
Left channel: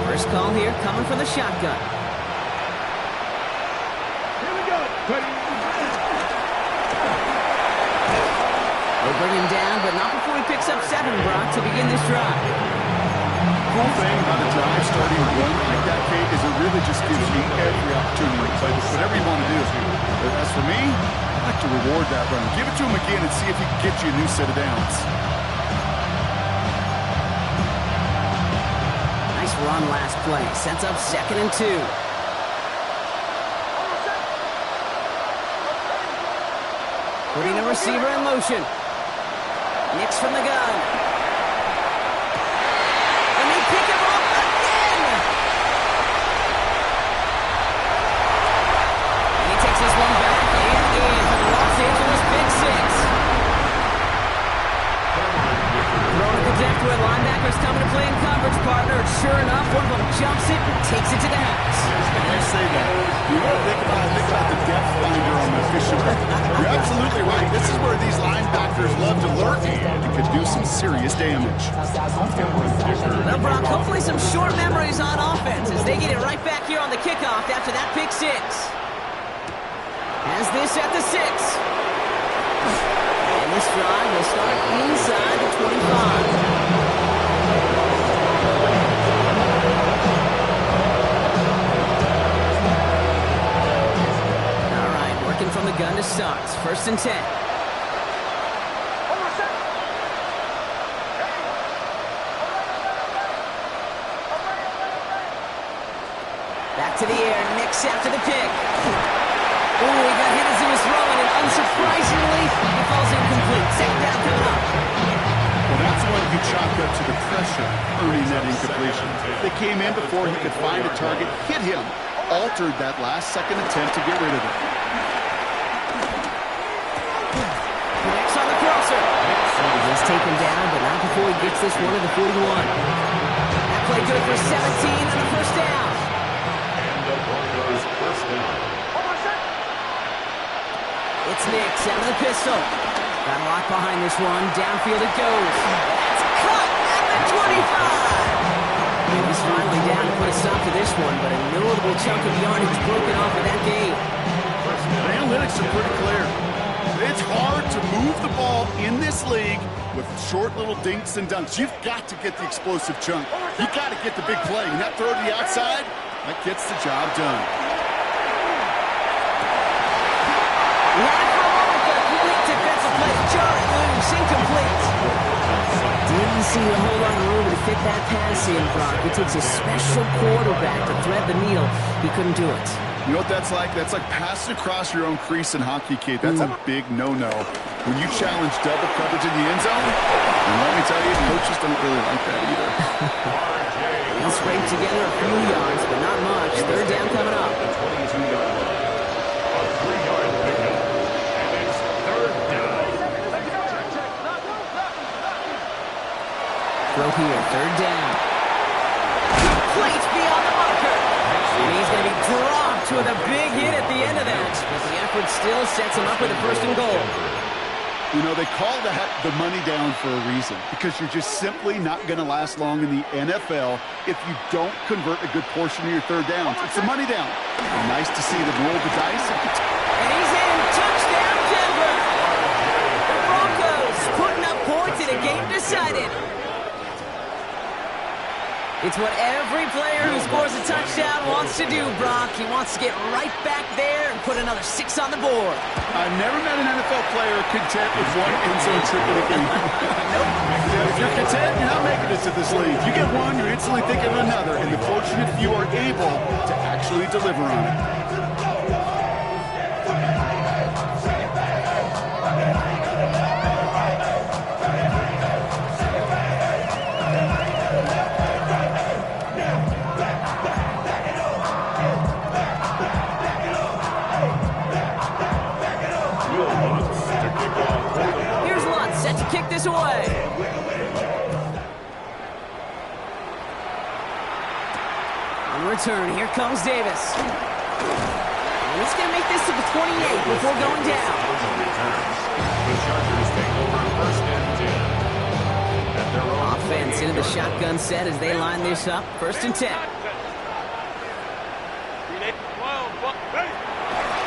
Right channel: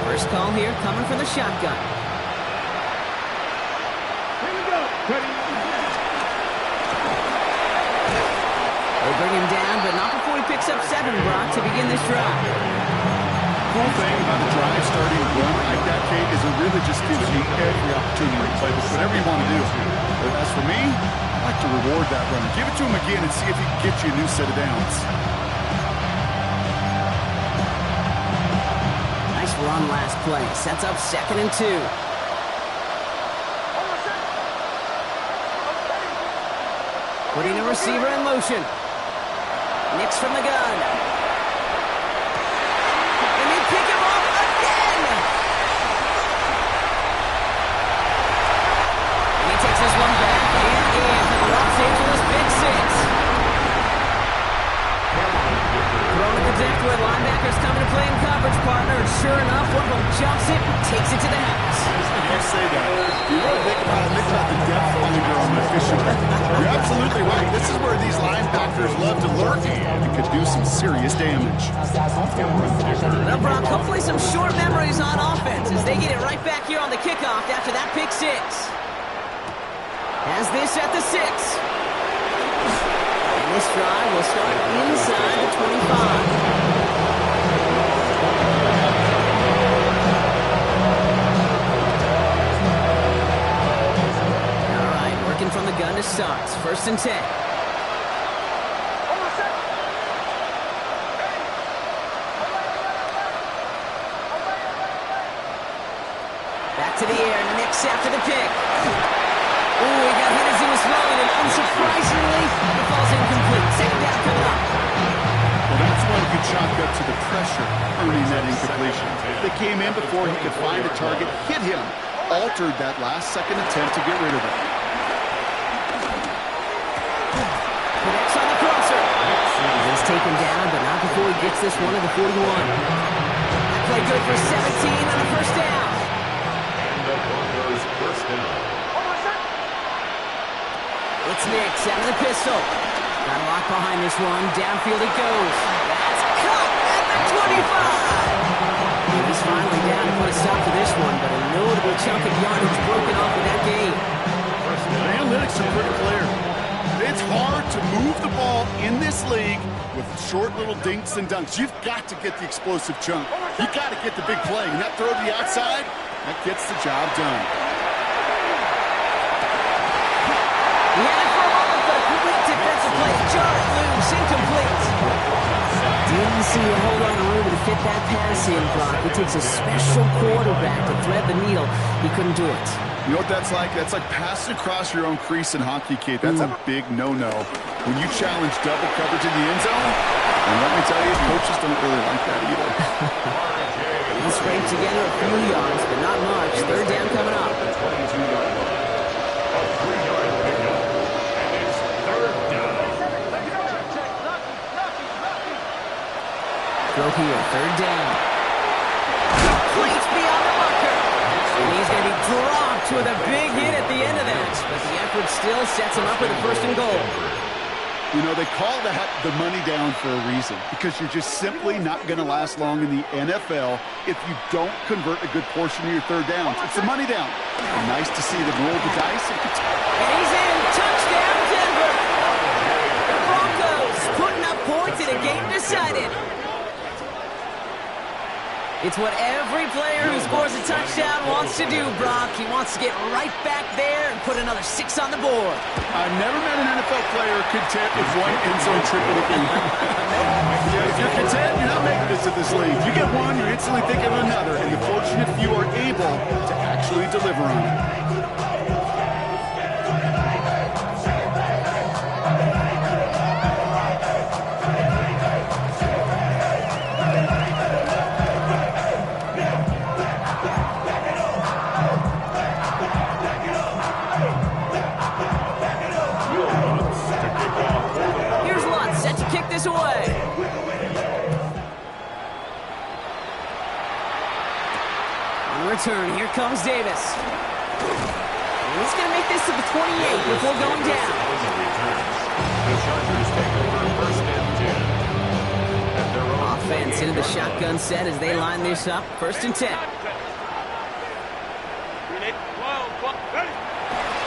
First call here coming from the shotgun. Here we go. Ready. They'll bring him down, but not before he picks up 7, Brock, to begin this drive. Cool thing about a drive starting a run like that, Kate, is it really just gives you every opportunity to play with whatever you want to do. But as for me, I like to reward that run. Give it to him again and see if he can get you a new set of downs. Nice run last play. Sets up 2nd and 2. Putting a receiver in motion. Nix from the gun. And they pick him off again. And he takes this one back and in for the Los Angeles Big 6. Thrown at the exactly where linebackers come into play in coverage, partner. And sure enough, one of them jumps it and takes it to the house. You say that. You know what I think about the depth finder on my fishing boat. You're absolutely right. This is where these linebackers love to lurk and could do some serious damage. Well, Brock, hopefully some short memories on offense as they get it right back here on the kickoff after that pick six. Has this at the 6. And this drive will start inside the 25. All right, working from the gun to start. 1st and 10. Back to the air, Nix after the pick. Oh, he got hit as he was throwing, and unsurprisingly, it falls incomplete. 2nd down coming up. Well, that's one you chalk up to the pressure earning that incompletion. They came in before he could find a target, hit him, altered that last-second attempt to get rid of it. Connects on the crosser. He's taken down, but not before he gets this one to the 41. That play good for 17 on the 1st down. And the Broncos 1st down. It's Nix out of the pistol. Got a lock behind this one. Downfield it goes. That's caught at the 25. And he's finally down to put a stop to this one, but a notable chunk of yardage broken off of that game. The analytics are pretty clear. It's hard to move the ball in this league with short little dinks and dunks. You've got to get the explosive chunk. You've got to get the big play. And that throw to the outside, that gets the job done. He had it for a moment, but a complete defensive play to jar it loose, incomplete. Didn't see a whole lot of room to fit that pass in, Brock. It takes a special quarterback to thread the needle. He couldn't do it. You know what that's like? That's like passing across your own crease in hockey, Kate. That's a big no-no. When you challenge double coverage in the end zone, and let me tell you, coaches don't really like that either. He scraped together a few yards, but not much. 3rd down coming up. The 22-yard line. A 3-yard pickup. And it's 3rd down. Throw here, 3rd down. Complete beyond the marker. And he's going to be dropped with a big hit at the end of that. But the effort still sets him up with a 1st and goal. You know, they call that the money down for a reason, because you're just simply not going to last long in the NFL if you don't convert a good portion of your 3rd downs. It's the money down. And nice to see them roll the dice. And he's in. Touchdown, Denver. The Broncos putting up points in a game decided. It's what every player who scores a touchdown wants to do, Brock. He wants to get right back there and put another 6 on the board. I've never met an NFL player content with one end zone trip in a game. Nope. If you're content, you're not making it to this league. You get one, you're instantly thinking of another, and the fortunate few are able to actually deliver on it. Here's Lutz set to kick this away. On return, here comes Davis. And he's going to make this to the 28 before going down. The Chargers take over 1st and 10. At their own Offense into the shotgun set as they line this up. 1st and 10.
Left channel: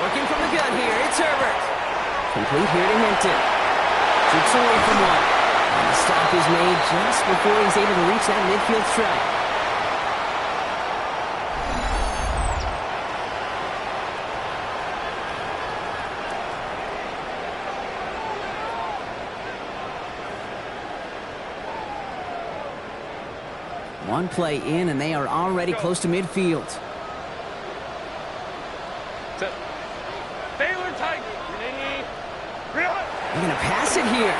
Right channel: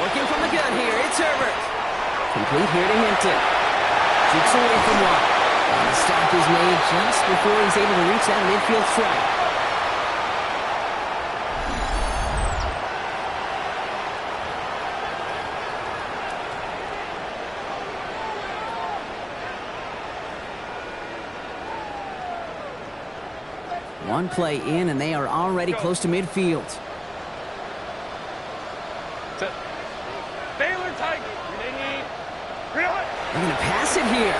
Working from the gun here, it's Herbert. Complete here to Hinton. Shoots away from one. And the stop is made just before he's able to reach that midfield strike. One play in, and they are already close to midfield. They're going to pass it here.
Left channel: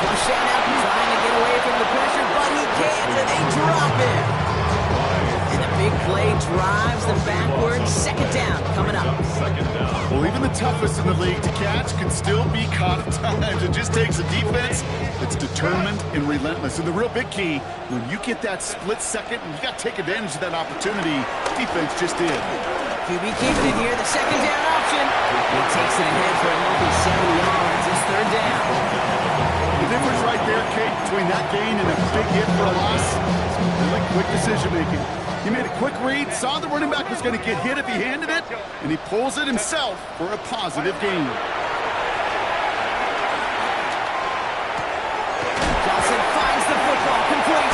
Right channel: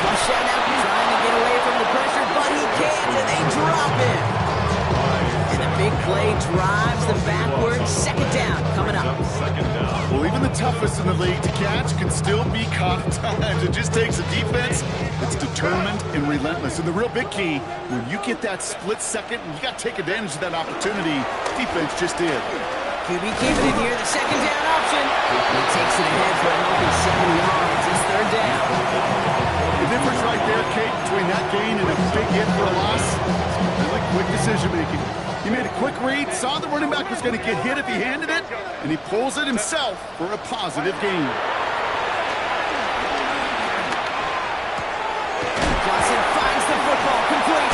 Flush out now, trying to get away from the pressure, but he can't, and they drop him. And the Big play drives them backwards. Second down coming up. Second down. Well, even the toughest in the league to catch can still be caught at times. It just takes a defense that's determined and relentless. And the real big key, when you get that split second, you got to take advantage of that opportunity. Defense just did. QB keeping it here, the second down option. He takes it ahead for a healthy 7 yards. It's third down. The difference right there, Kate, between that gain and a big hit for a loss, is really quick decision-making. He made a quick read, saw the running back was going to get hit if he handed it, and he pulls it himself for a positive gain. Johnson finds the football, complete.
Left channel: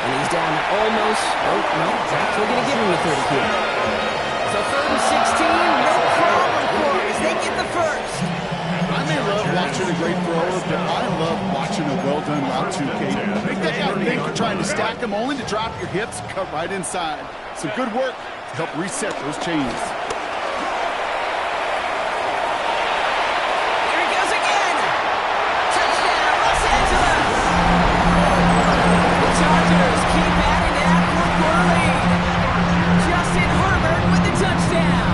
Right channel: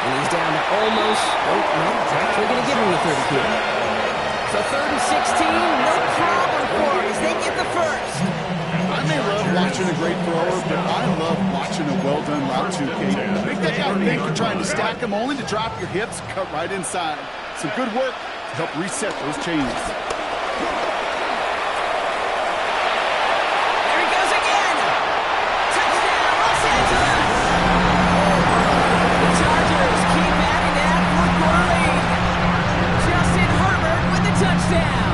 And he's down to almost, nope, actually going to give him the 30 here. So 3rd and 16, no problem for us. They get the first. I may love watching a great thrower, but I love watching a well-done route too, Kate. Make that guy think you're trying to stack him only to drop your hips and cut right inside. Some good work to help reset those chains. There he goes again. Touchdown, Los Angeles. The Chargers keep adding to that fourth-quarter lead. Justin Herbert with the touchdown.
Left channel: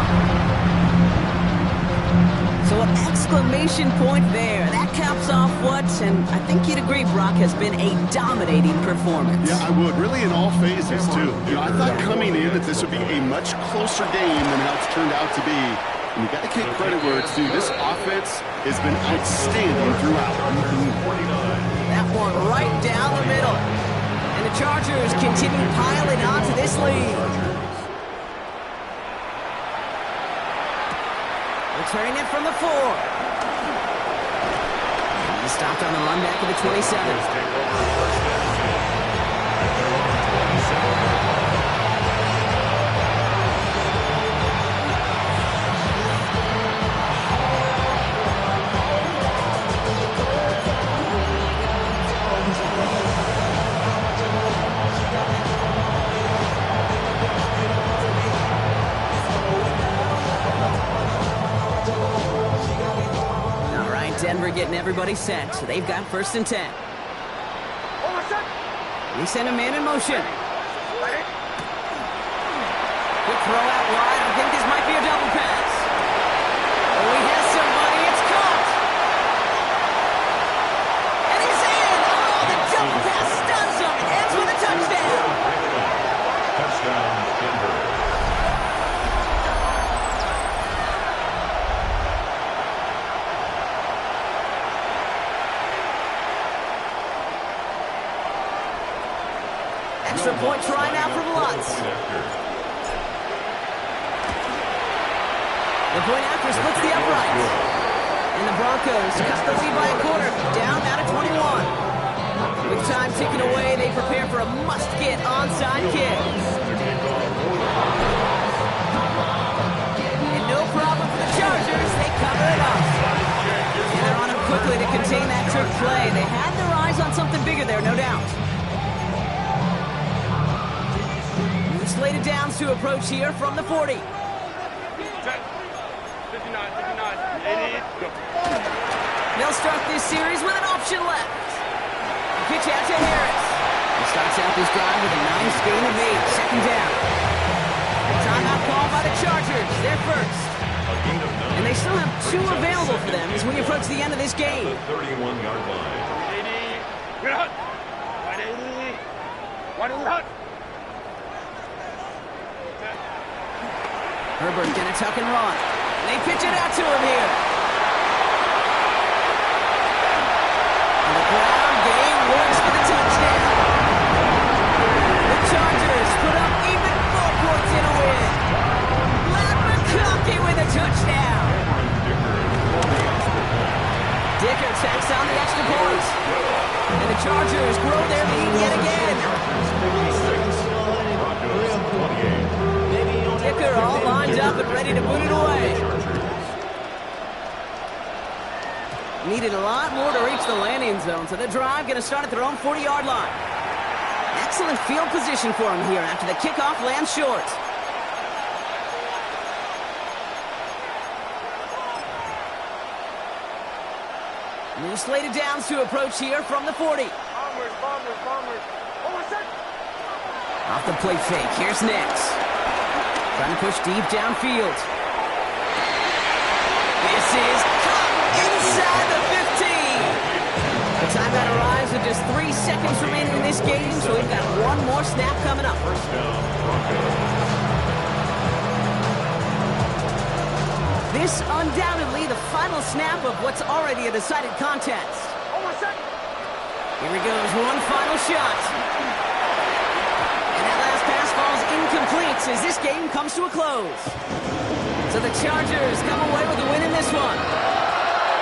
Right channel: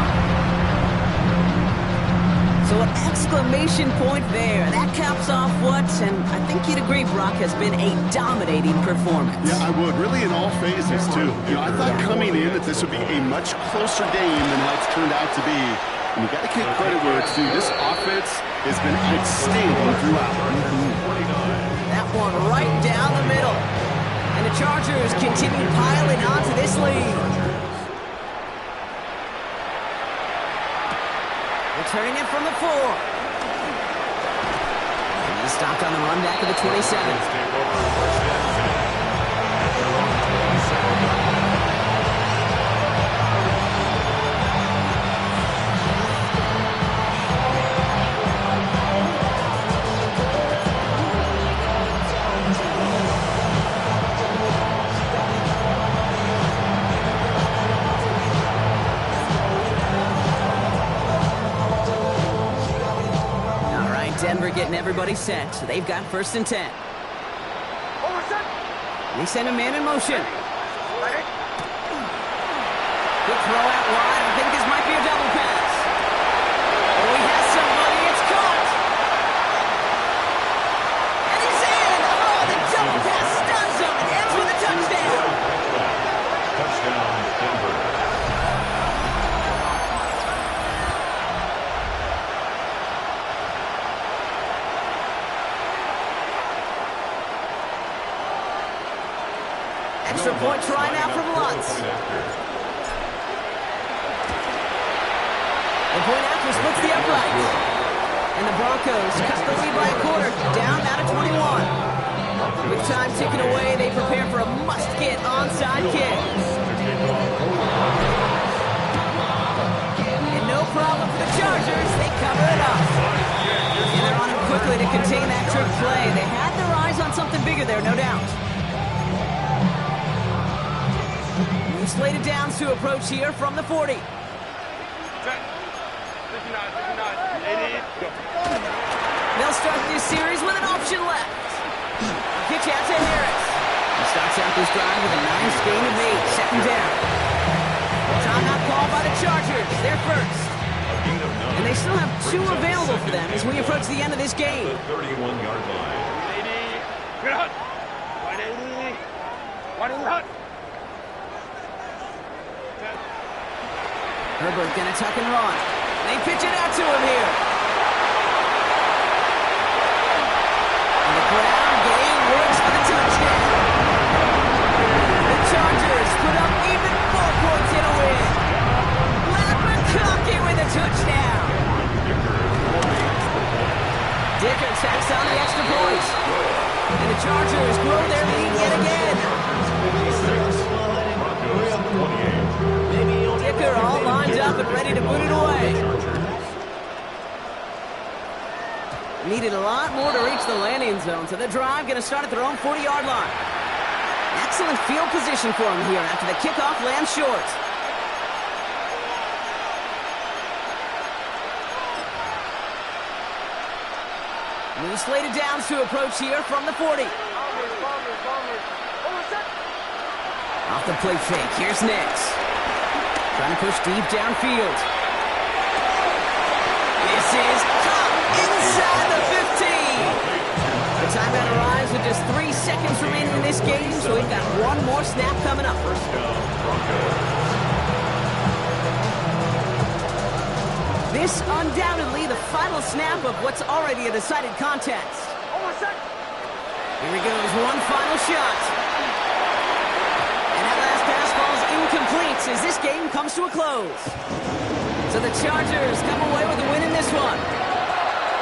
So an exclamation point there. That caps off what, and I think you'd agree, Brock, has been a dominating performance. Yeah, I would. Really in all phases, too. You know, I thought coming in that this would be a much closer game than how it's turned out to be. And you got to give credit where it's due. This offense has been outstanding throughout. That one right down the middle. And the Chargers continue piling onto this lead. Returning it from the 4. And he's stopped on the run back of the 27. Take over first and 10 at their own 27-yard line. Denver getting everybody set, so they've got 1st and 10. They send a man in motion. Quick throw out wide. I think this might be a double pass. Oh, he has somebody. It's caught. And he's in. Oh, the double pass stuns him. It ends with a touchdown. Touchdown, Denver. Extra point try now from Lutz. The point after splits the uprights. And the Broncos cut the lead by a quarter, down now to 21. With time ticking away, they prepare for a must-get onside kick. And no problem for the Chargers, they cover it up. And they're on him quickly to contain that trick play. They had their eyes on something bigger there, no doubt. Slated downs to approach here from the 40. 59, 80, go. They'll start this series with an option left. Pitch out to Harris. He starts out this drive with a nice gain of 8. Second down. Timeout called by the Chargers. They're first. And they still have 2 available for them as we approach the end of this game. The 31-yard line. 80, get hot. 180, 180, hot. Herbert gonna tuck and run. They pitch it out to him here. And the ground game works for the touchdown. The Chargers put up even more points in a win. Matt McConkey with a touchdown. Dicker tacks on the extra point. And the Chargers grow their lead yet again. Broncos 28. Dicker all lined up and ready to boot it away. Needed a lot more to reach the landing zone, so the drive going to start at their own 40-yard line. Excellent field position for him here after the kickoff lands short. New slated downs to approach here from the 40. Bombers. Over set. Off the play fake. Here's Nix. Trying to push deep downfield. This is caught inside the 15. The timeout arrives with just 3 seconds remaining in this game, so we've got one more snap coming up. First down, Broncos. This undoubtedly the final snap of what's already a decided contest. Here he goes, one final shot. And that last pass falls incomplete as this game comes to a close. So the Chargers come away with a win in this one.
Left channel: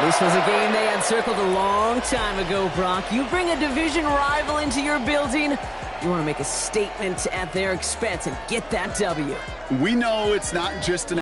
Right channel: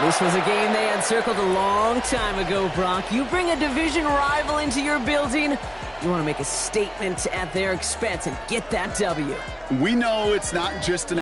This was a game they had circled a long time ago, Brock. You bring a division rival into your building, you want to make a statement at their expense and get that W. We know it's not just an